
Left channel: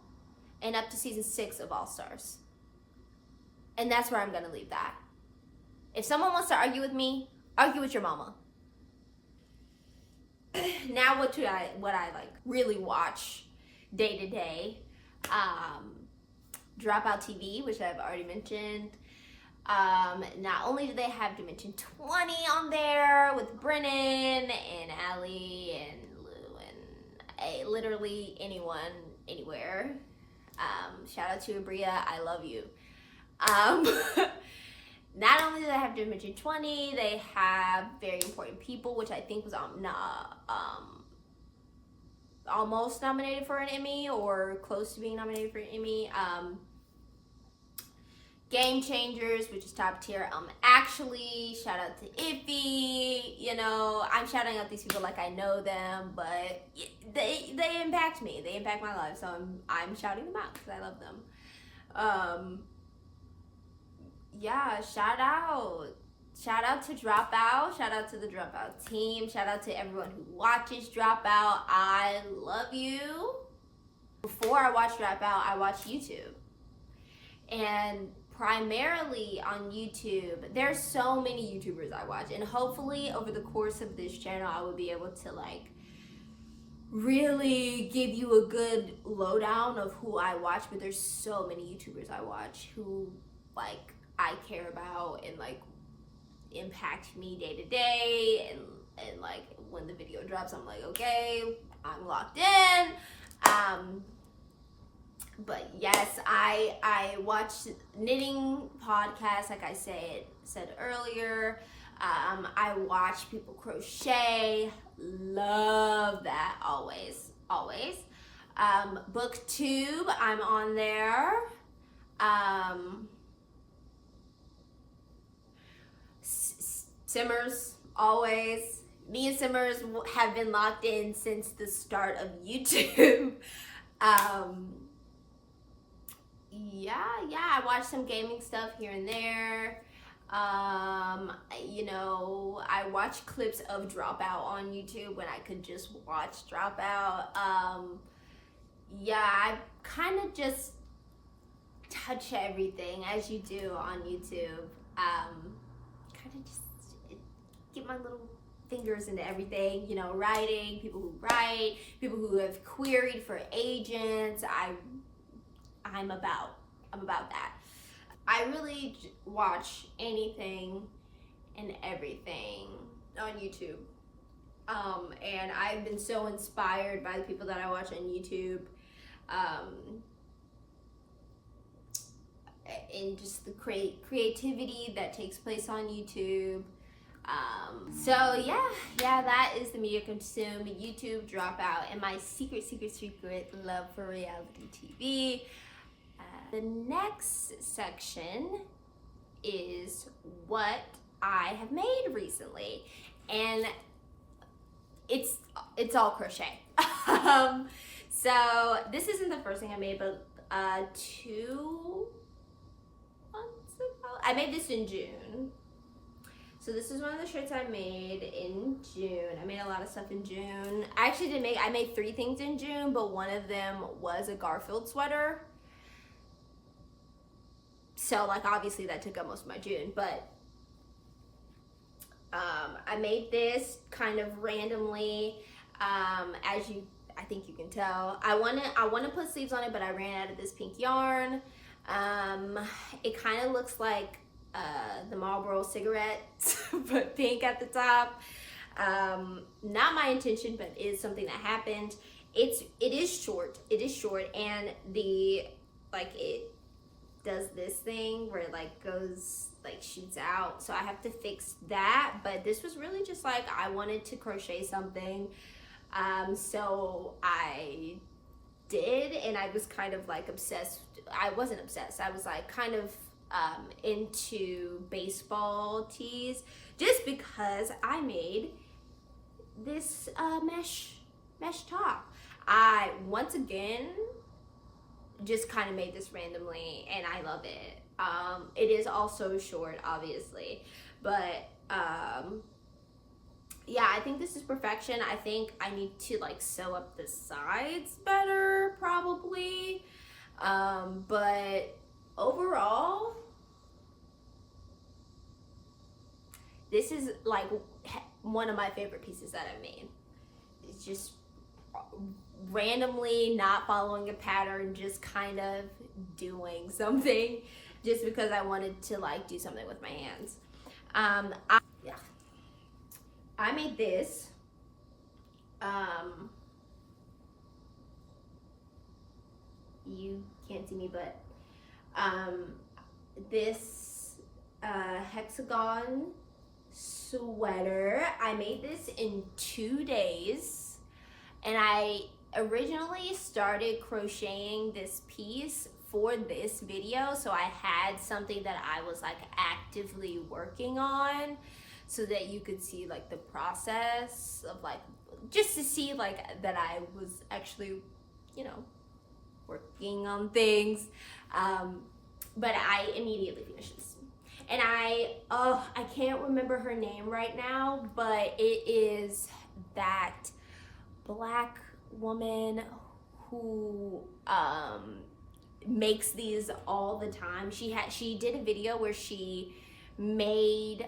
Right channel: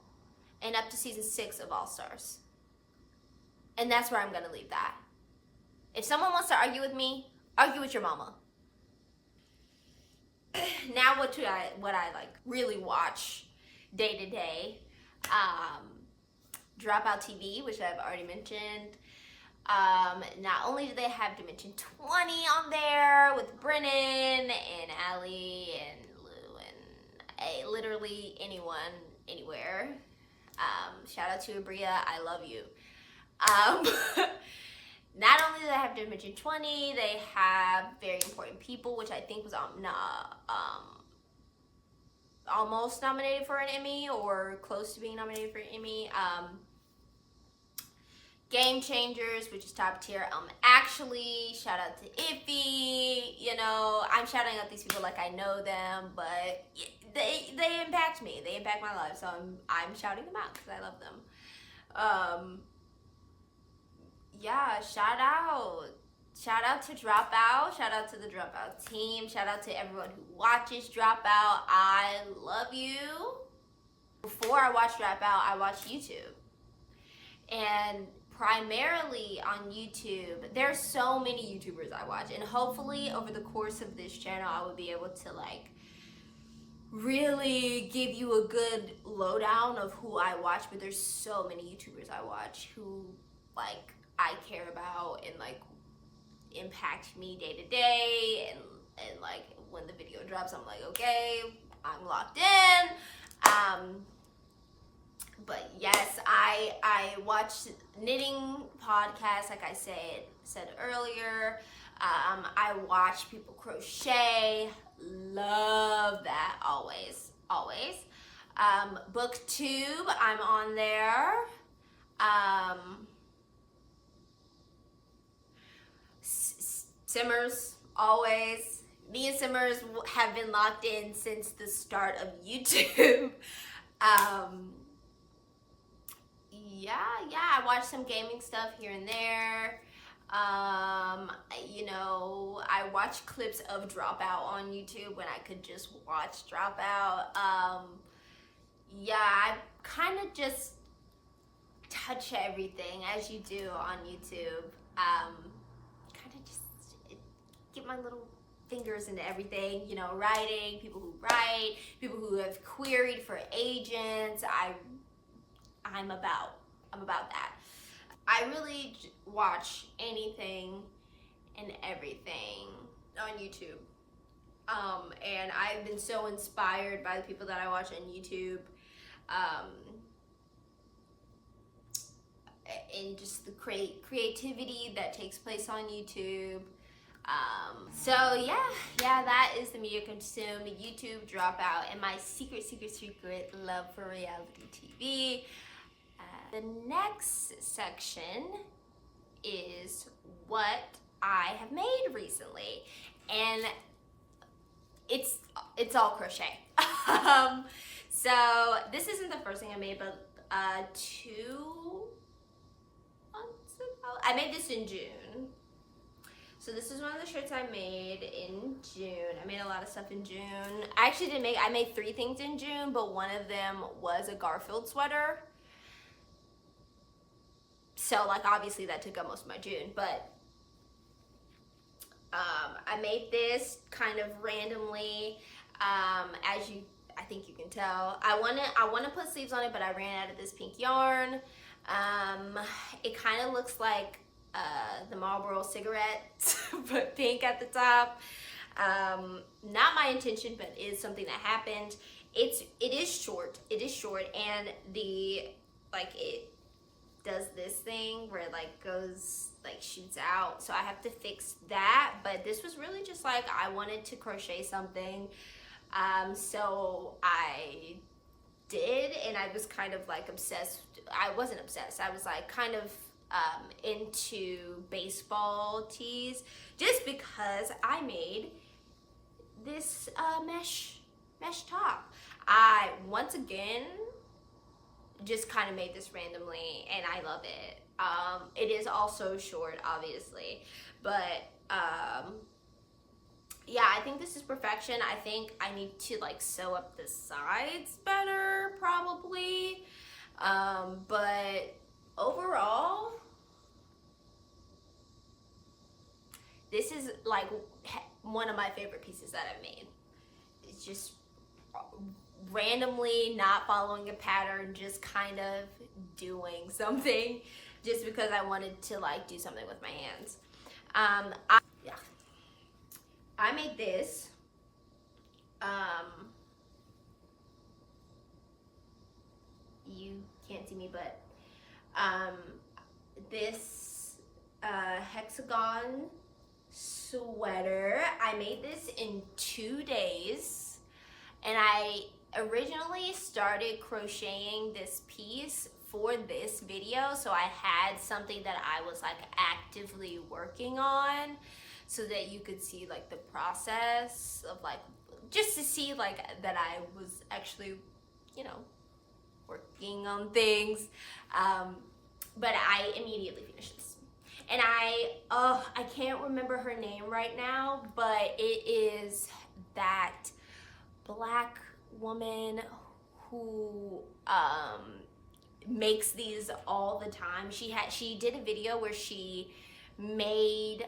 and up to season 6 of All Stars. And that's where I'm gonna leave that. If someone wants to argue with me, argue with your mama. Now what I like really watch day to day. Dropout TV, which I've already mentioned. Not only do they have Dimension 20 on there with Brennan and Allie and Lou and literally anyone, anywhere. Shout out to Abria, I love you. Not only do they have Dimension 20, they have Very Important People, which I think was almost nominated for an Emmy or close to being nominated for an Emmy. Game Changers, which is top tier. Actually, shout out to Iffy. You know, I'm shouting out these people like I know them, but they impact me. They impact my life, so I'm shouting them out because I love them. Yeah, shout out to Dropout. Shout out to the Dropout team. Shout out to everyone who watches Dropout. I love you. Before I watch Dropout, I watch YouTube. And primarily on YouTube, there's so many YouTubers I watch. And hopefully over the course of this channel, I will be able to like really give you a good lowdown of who I watch. But there's so many YouTubers I watch who like I care about and like impact me day to day, and like when the video drops, I'm like, okay, I'm locked in. But yes, I watch knitting podcasts, like I said earlier. I watch people crochet, love that, always. Booktube, I'm on there. Simmers, always. Me and Simmers have been locked in since the start of YouTube. Yeah, I watch some gaming stuff here and there. You know, I watch clips of Dropout on YouTube when I could just watch Dropout. Yeah, I kind of just touch everything as you do on YouTube. Kind of just get my little fingers into everything, you know, writing, people who write, people who have queried for agents. I'm about that. I really watch anything and everything on YouTube. And I've been so inspired by the people that I watch on YouTube. And just the creativity that takes place on YouTube. So yeah, that is the media consumed: YouTube, Dropout, and my secret love for reality TV. The next section is what I have made recently, and it's all crochet. So this isn't the first thing I made, but 2 months ago, I made this in June. So this is one of the shirts I made in June. I made a lot of stuff in June. I made 3 things in June, but one of them was a Garfield sweater. So like obviously that took up most of my June, but I made this kind of randomly, as I think you can tell. I wanna put sleeves on it, but I ran out of this pink yarn. It kind of looks like the Marlboro cigarette, but pink at the top. Not my intention, but is something that happened. It is short, and it does this thing where it like goes, like shoots out, so I have to fix that. But this was really just like, I wanted to crochet something, so I did, and I was kind of like obsessed. I wasn't obsessed, I was like kind of into baseball tees, just because I made this mesh top. I once again just kind of made this randomly, and I love it. It is also short, obviously, but yeah, I think this is perfection. I think I need to like sew up the sides better, probably, but overall, this is like one of my favorite pieces that I've made. It's just randomly not following a pattern, just kind of doing something just because I wanted to like do something with my hands. I made this. You can't see me, but this hexagon sweater. I made this in 2 days, and I originally started crocheting this piece for this video, so I had something that I was like actively working on, so that you could see like the process of like, just to see like that I was actually, you know, working on things. But I immediately finished this, and I can't remember her name right now, but it is that Black woman who makes these all the time. She did a video where she made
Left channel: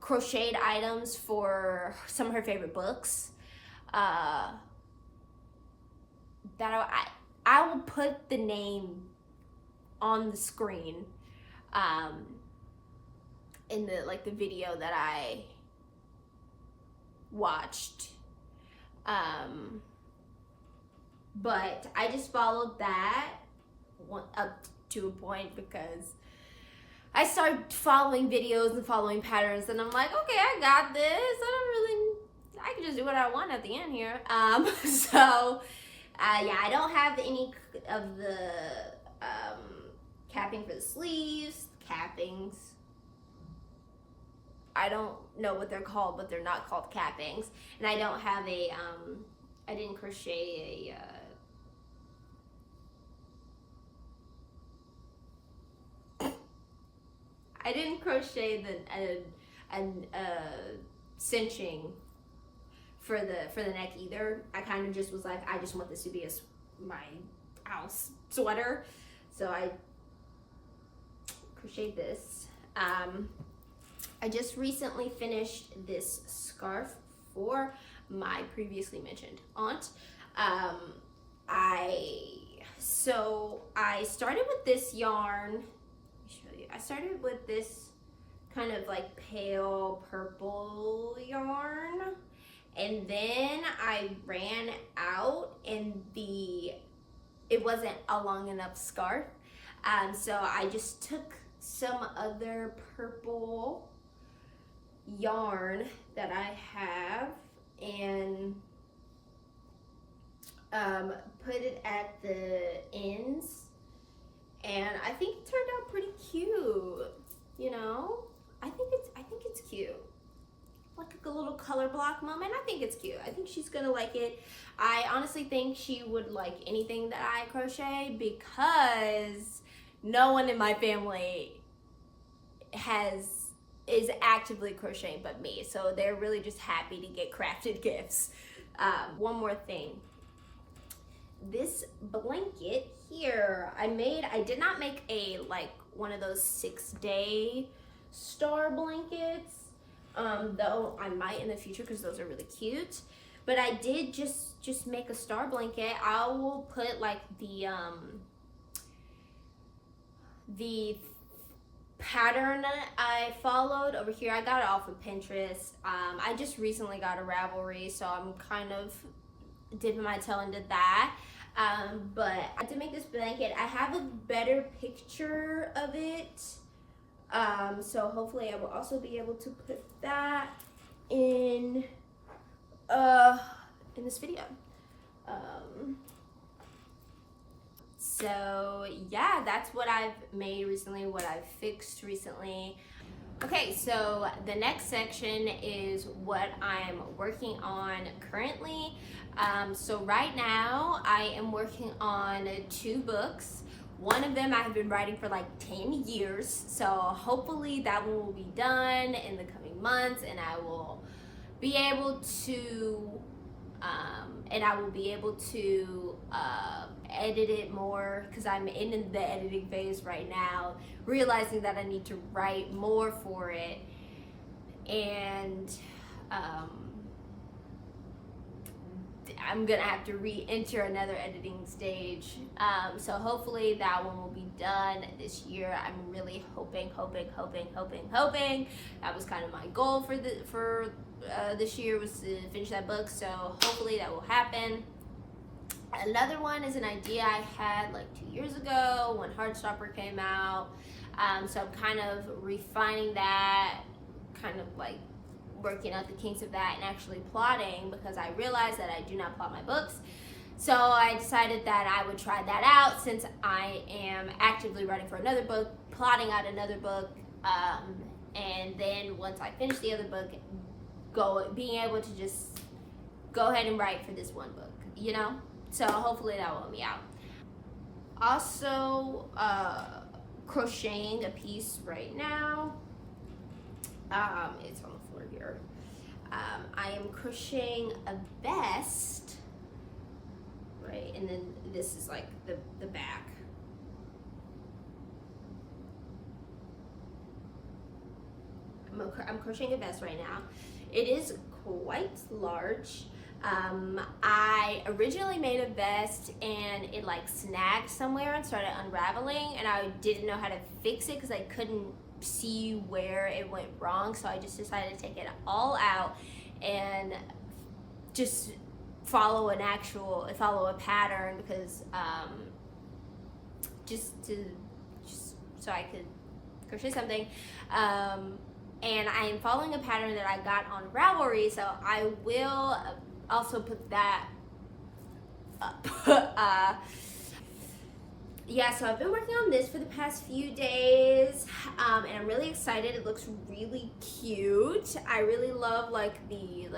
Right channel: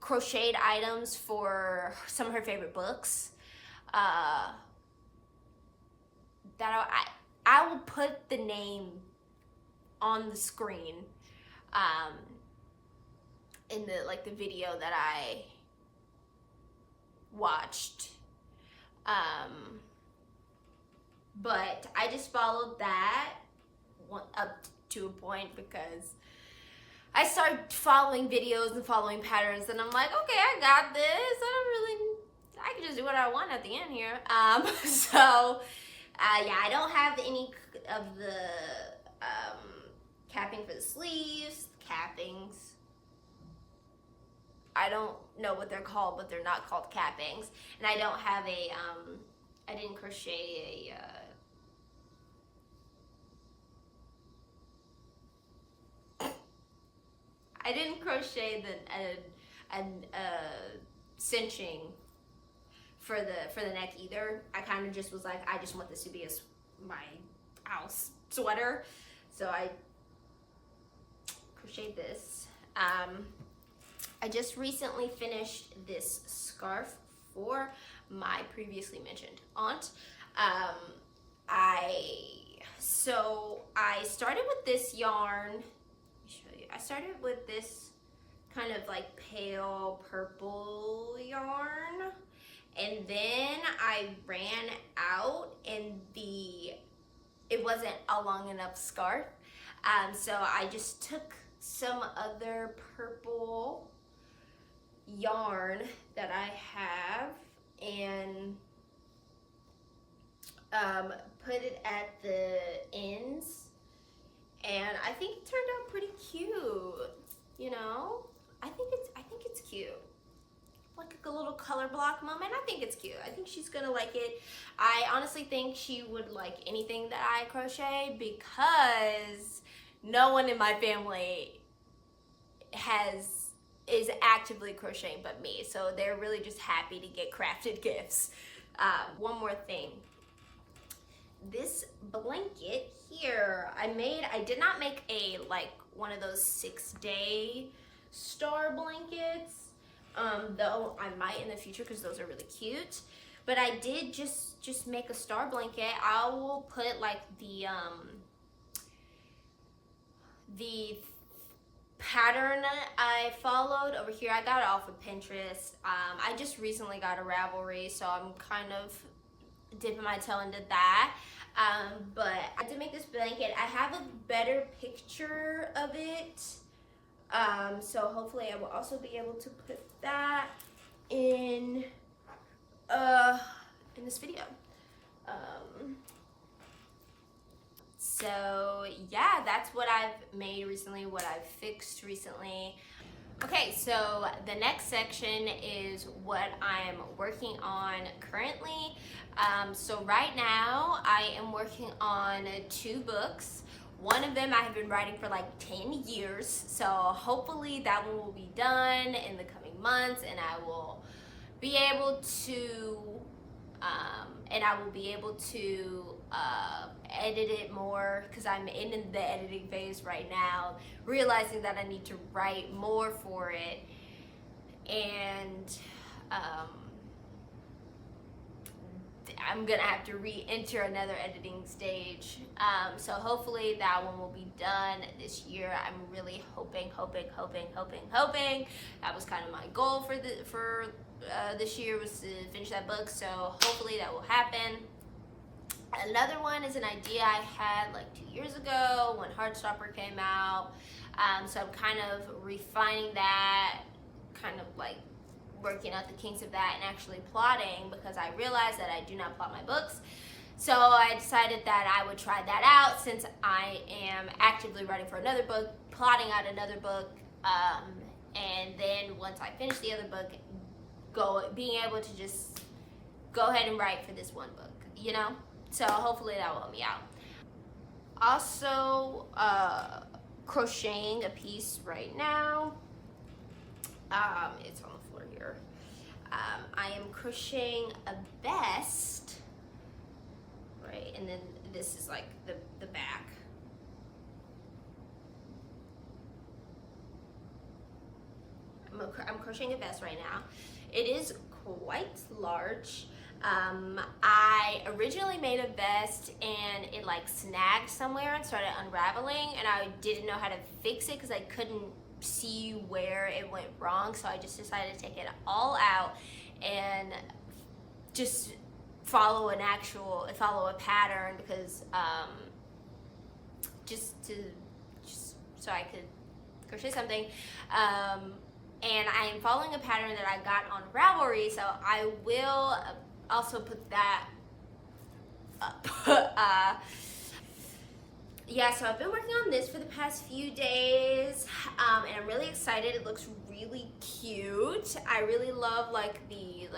crocheted items for some of her favorite books. That I will put the name on the screen in the video that I watched. But I just followed that up to a point because I started following videos and following patterns, and I'm like, okay, I got this. I can just do what I want at the end here. Yeah, I don't have any of the capping for the sleeves, cappings. I don't know what they're called, but they're not called cappings. And I don't have a, I didn't crochet I didn't crochet the cinching for the neck either. I kind of just was like, I just want this to be my house sweater, so I crocheted this. I just recently finished this scarf for my previously mentioned aunt. So I started with this yarn. Let me show you. I started with this kind of like pale purple yarn, and then I ran out and it wasn't a long enough scarf. So I just took some other purple yarn that I have and put it at the ends, and I think it turned out pretty cute. You know, I think it's cute, like a little color block moment. I think it's cute. I think she's gonna like it. I honestly think she would like anything that I crochet because no one in my family is actively crocheting but me, so they're really just happy to get crafted gifts. One more thing, this blanket here I did not make a one of those 6-day star blankets, though I might in the future because those are really cute. But I did just make a star blanket. I will put like the pattern I followed over here. I got it off of Pinterest. I just recently got a Ravelry, so I'm kind of dipping my toe into that. But I did make this blanket. I have a better picture of it, so hopefully I will also be able to put that in this video. So yeah, that's what I've made recently, what I've fixed recently. Okay, so the next section is what I'm working on currently. So right now I am working on 2 books. One of them I have been writing for like 10 years. So hopefully that one will be done in the coming months, and I will be able to edit it more, because I'm in the editing phase right now, realizing that I need to write more for it, and I'm gonna have to re-enter another editing stage. So hopefully that one will be done this year. I'm really hoping. That was kind of my goal for this year, was to finish that book. So hopefully that will happen. Another one is an idea I had like 2 years ago when Heartstopper came out. So I'm kind of refining that, kind of like working out the kinks of that and actually plotting, because I realized that I do not plot my books. So I decided that I would try that out, since I am actively writing for another book, plotting out another book, and then once I finish the other book, being able to just go ahead and write for this one book, you know? So hopefully that will help me out. Also, crocheting a piece right now. It's on the floor here. I am crocheting a vest, right? And then this is like the back. I'm crocheting a vest right now. It is quite large. I originally made a vest and it like snagged somewhere and started unraveling, and I didn't know how to fix it because I couldn't see where it went wrong. So I just decided to take it all out and just follow a pattern, because just so I could crochet something. And I am following a pattern that I got on Ravelry, so I will also put that up. Yeah, so I've been working on this for the past few days, and I'm really excited. It looks really cute. I really love like the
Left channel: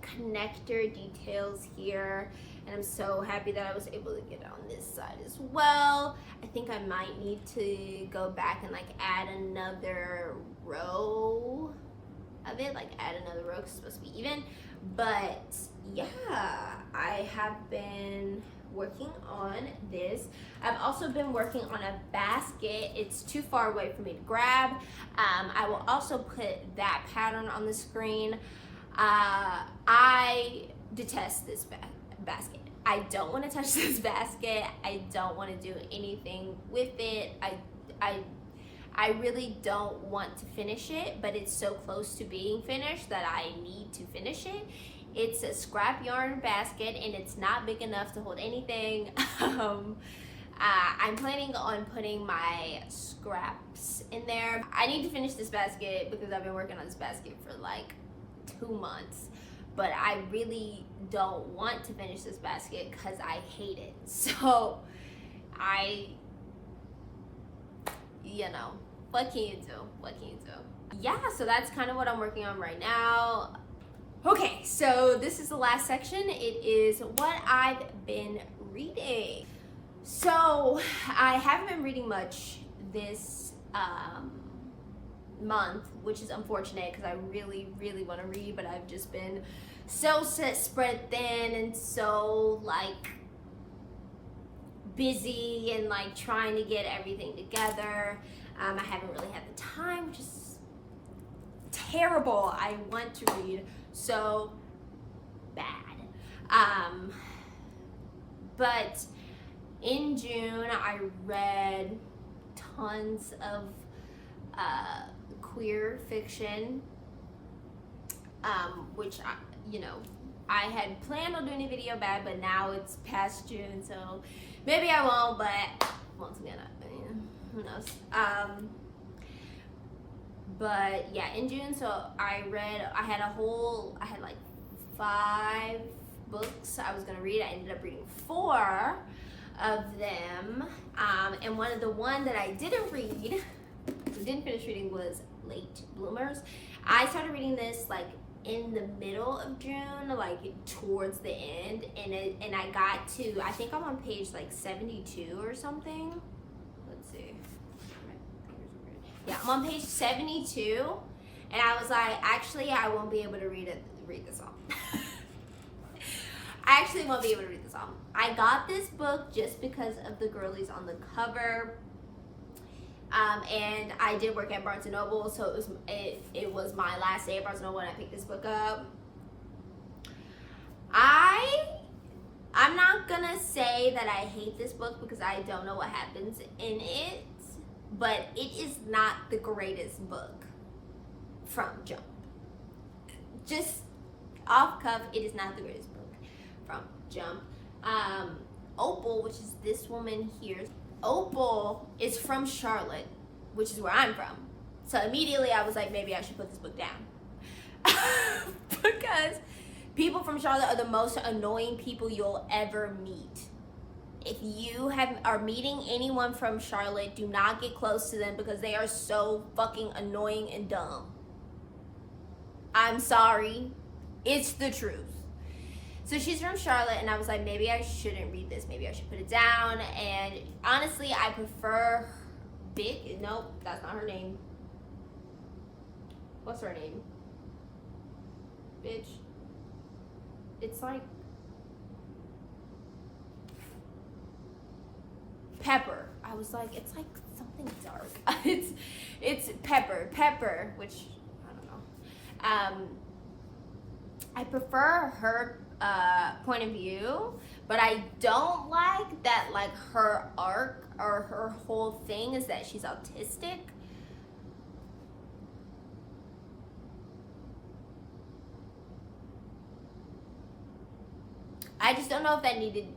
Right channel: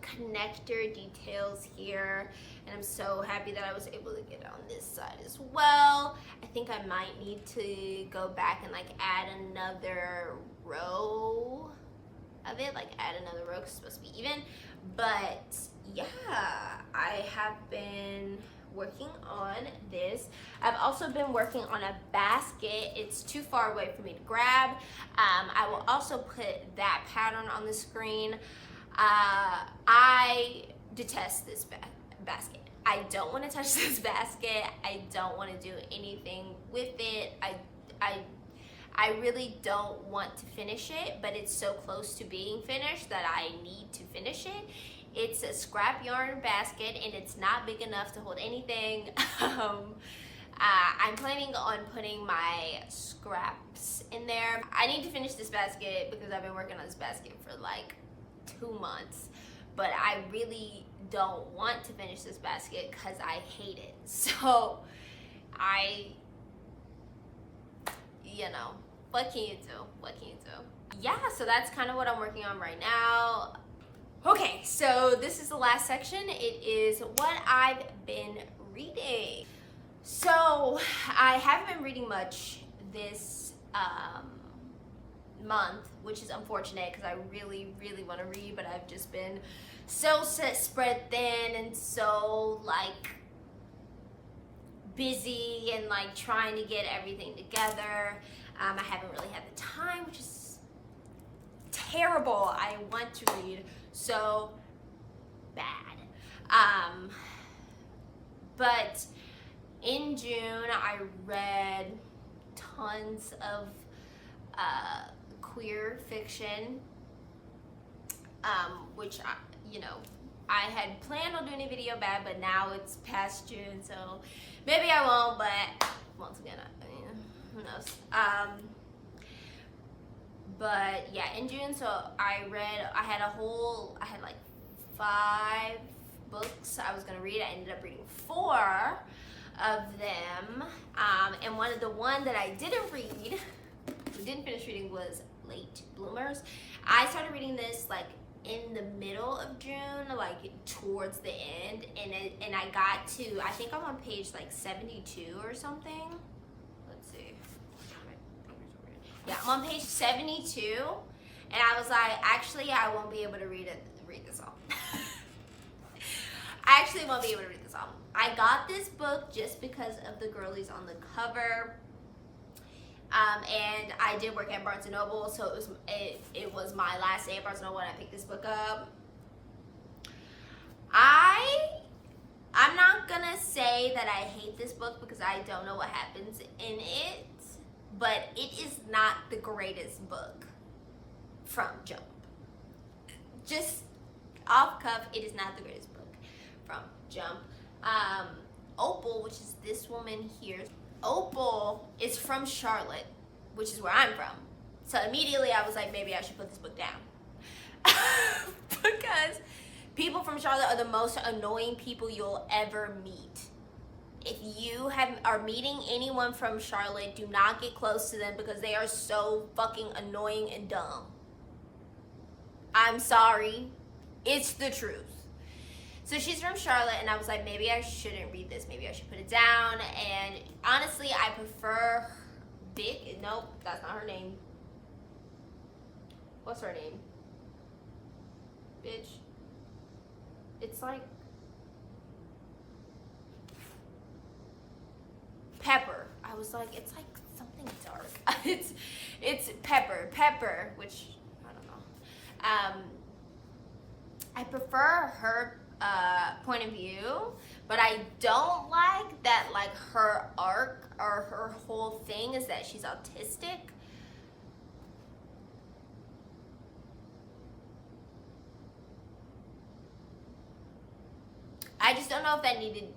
connector details here, and I'm so happy that I was able to get it on this side as well. I think I might need to go back and like add another row of it, like add another row because it's supposed to be even. But yeah, I have been working on this. I've also been working on a basket. It's too far away for me to grab. I will also put that pattern on the screen. I detest this basket. I don't want to touch this basket. I don't want to do anything with it. I really don't want to finish it, but it's so close to being finished that I need to finish it. It's a scrap yarn basket and it's not big enough to hold anything. I'm planning on putting my scraps in there. I need to finish this basket because I've been working on this basket for like 2 months, but I really don't want to finish this basket because I hate it. So what can you do? Yeah, so that's kind of what I'm working on right now. Okay, so this is the last section. It is what I've been reading. So I haven't been reading much this month, which is unfortunate because I really want to read, but I've just been so spread thin and so like busy and like trying to get everything together. I haven't really had the time, which is terrible. I want to read so bad. But in June I read tons of queer fiction, which I had planned on doing a video about, but now it's past June, so maybe I won't. But once again, who knows? But yeah, in June, so I had like 5 books I was gonna read. I ended up reading 4 of them, and the one that I didn't finish reading was Late Bloomers. I started reading this like in the middle of June, like towards the end, and I got to, I think I'm on page like 72 or something. Let's see. Yeah, I'm on page 72, and I was like, actually, I won't be able to read this all. I actually won't be able to read this all. I got this book just because of the girlies on the cover. And I did work at Barnes & Noble, so it was my last day at Barnes & Noble when I picked this book up. I'm not gonna say that I hate this book because I don't know what happens in it, but it is not the greatest book from jump. Just off cuff, it is not the greatest book from jump. Opal, which is this woman here, Opal is from Charlotte, which is where I'm from. So immediately I was like, maybe I should put this book down. Because people from Charlotte are the most annoying people you'll ever meet. If you are meeting anyone from Charlotte, do not get close to them because they are so fucking annoying and dumb. I'm sorry. It's the truth. So she's from Charlotte, and I was like, maybe I shouldn't read this. Maybe I should put it down. And honestly, I prefer nope, that's not her name. What's her name? Bitch. It's like Pepper. I was like, it's like something dark. it's Pepper, which I don't know. I prefer her point of view, but I don't like that, like, her arc or her whole thing is that she's autistic. I just don't know if that needed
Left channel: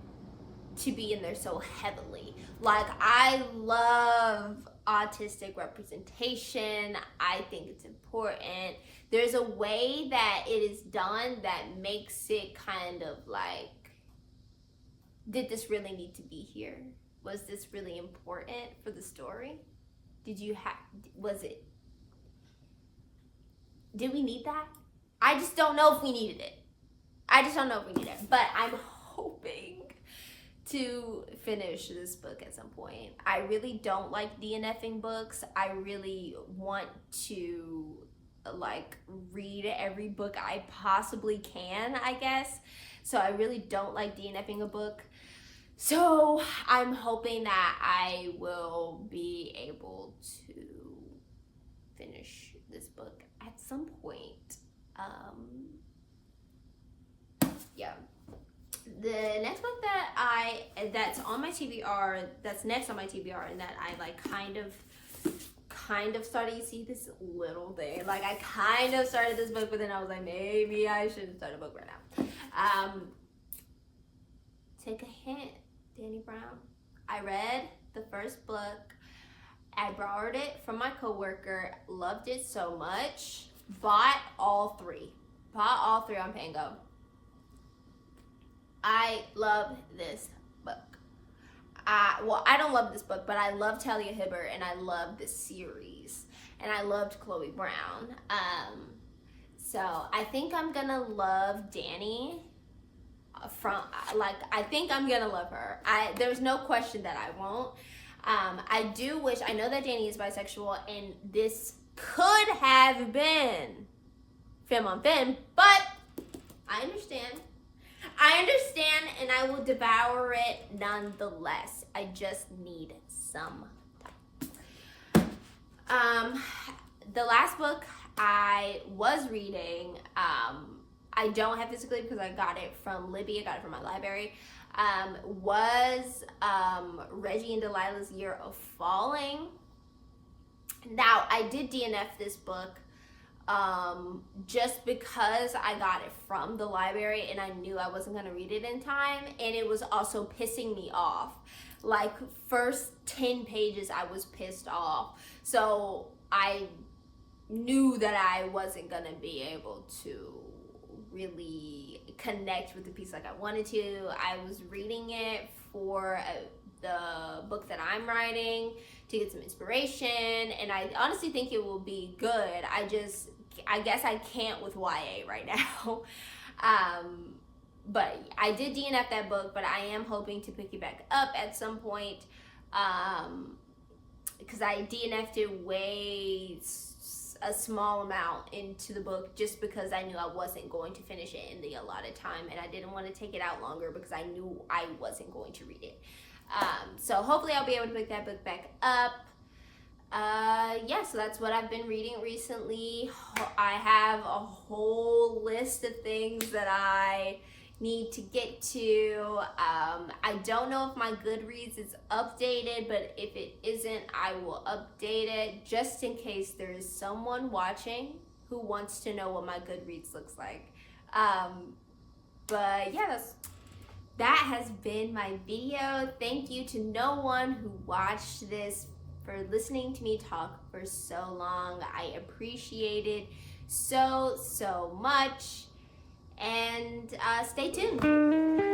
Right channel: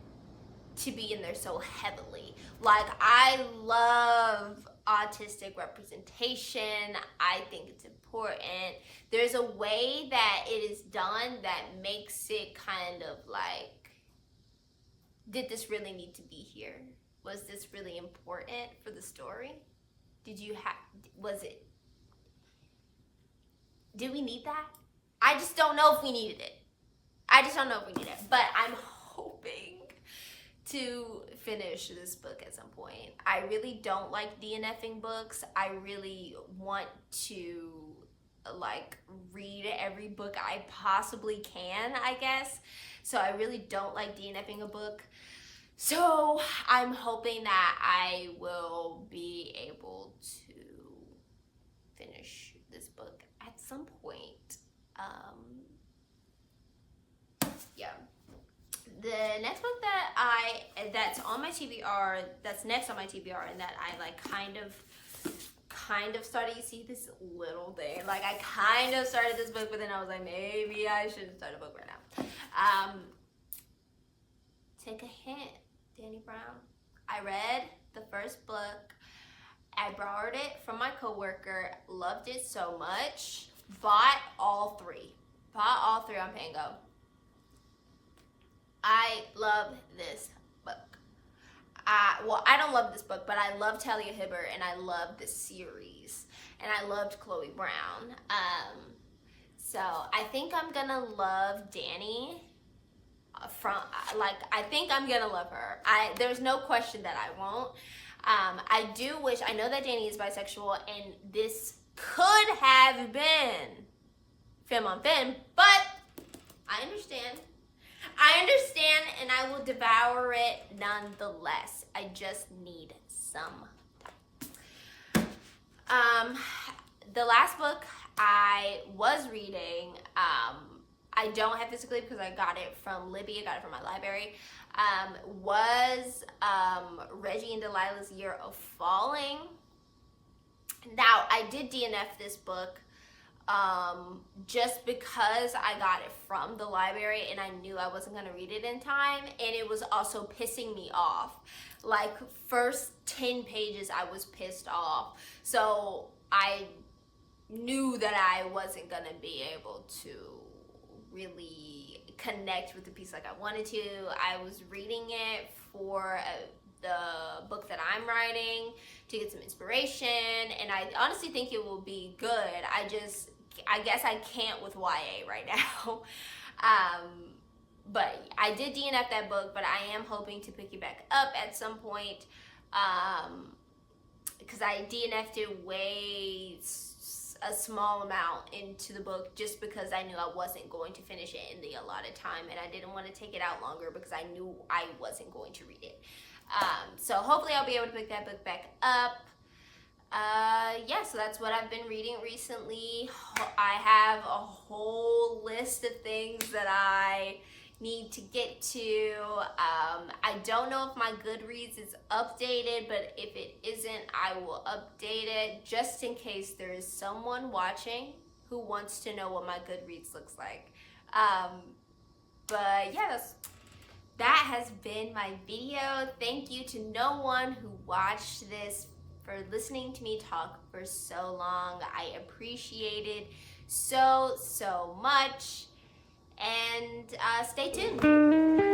to be in there so heavily. Like, I love autistic representation. I think it's important. There's a way that it is done that makes it kind of like, did this really need to be here? Was this really important for the story? Did we need that? I just don't know if we needed it. But I'm hoping to finish this book at some point. I really don't like DNFing books. I really want to, like, read every book I possibly can, I guess. So I really don't like DNFing a book. So I'm hoping that I will be able to finish this book at some point. Yeah. The next book that's on my TBR, that's next on my TBR, and that I like kind of started. You see this little thing, like, I kind of started this book, but then I was like, maybe I shouldn't start a book right now. Take a hint, Danny Brown. I read the first book. I borrowed it from my coworker. Loved it so much. Bought all three on Pango. I love this book. I don't love this book, but I love Talia Hibbert, and I love the series, and I loved Chloe Brown. So I think I'm gonna love Danny. I think I'm gonna love her. There's no question that I won't. I do wish, I know that Danny is bisexual, and this could have been femme on femme, but I understand, and I will devour it nonetheless. I just need some time. The last book I was reading, I don't have physically because I got it from Libby, I got it from my library, was Reggie and Delilah's Year of Falling. Now, I did DNF this book just because I got it from the library and I knew I wasn't going to read it in time, and it was also pissing me off. Like, first 10 pages I was pissed off, so I knew that I wasn't going to be able to really connect with the piece like I wanted to. I was reading it for the book that I'm writing to get some inspiration, and I honestly think it will be good. I guess I can't with YA right now. But I did DNF that book, but I am hoping to pick it back up at some point, because I DNF'd it a small amount into the book just because I knew I wasn't going to finish it in the allotted time, and I didn't want to take it out longer because I knew I wasn't going to read it. So hopefully I'll be able to pick that book back up. Yeah, so that's what I've been reading recently. I have a whole list of things that I need to get to. I don't know if my Goodreads is updated, but if it isn't, I will update it just in case there is someone watching who wants to know what my Goodreads looks like. But yeah, that has been my video. Thank you to no one who watched this, for listening to me talk for so long. I appreciate it so much, and stay tuned.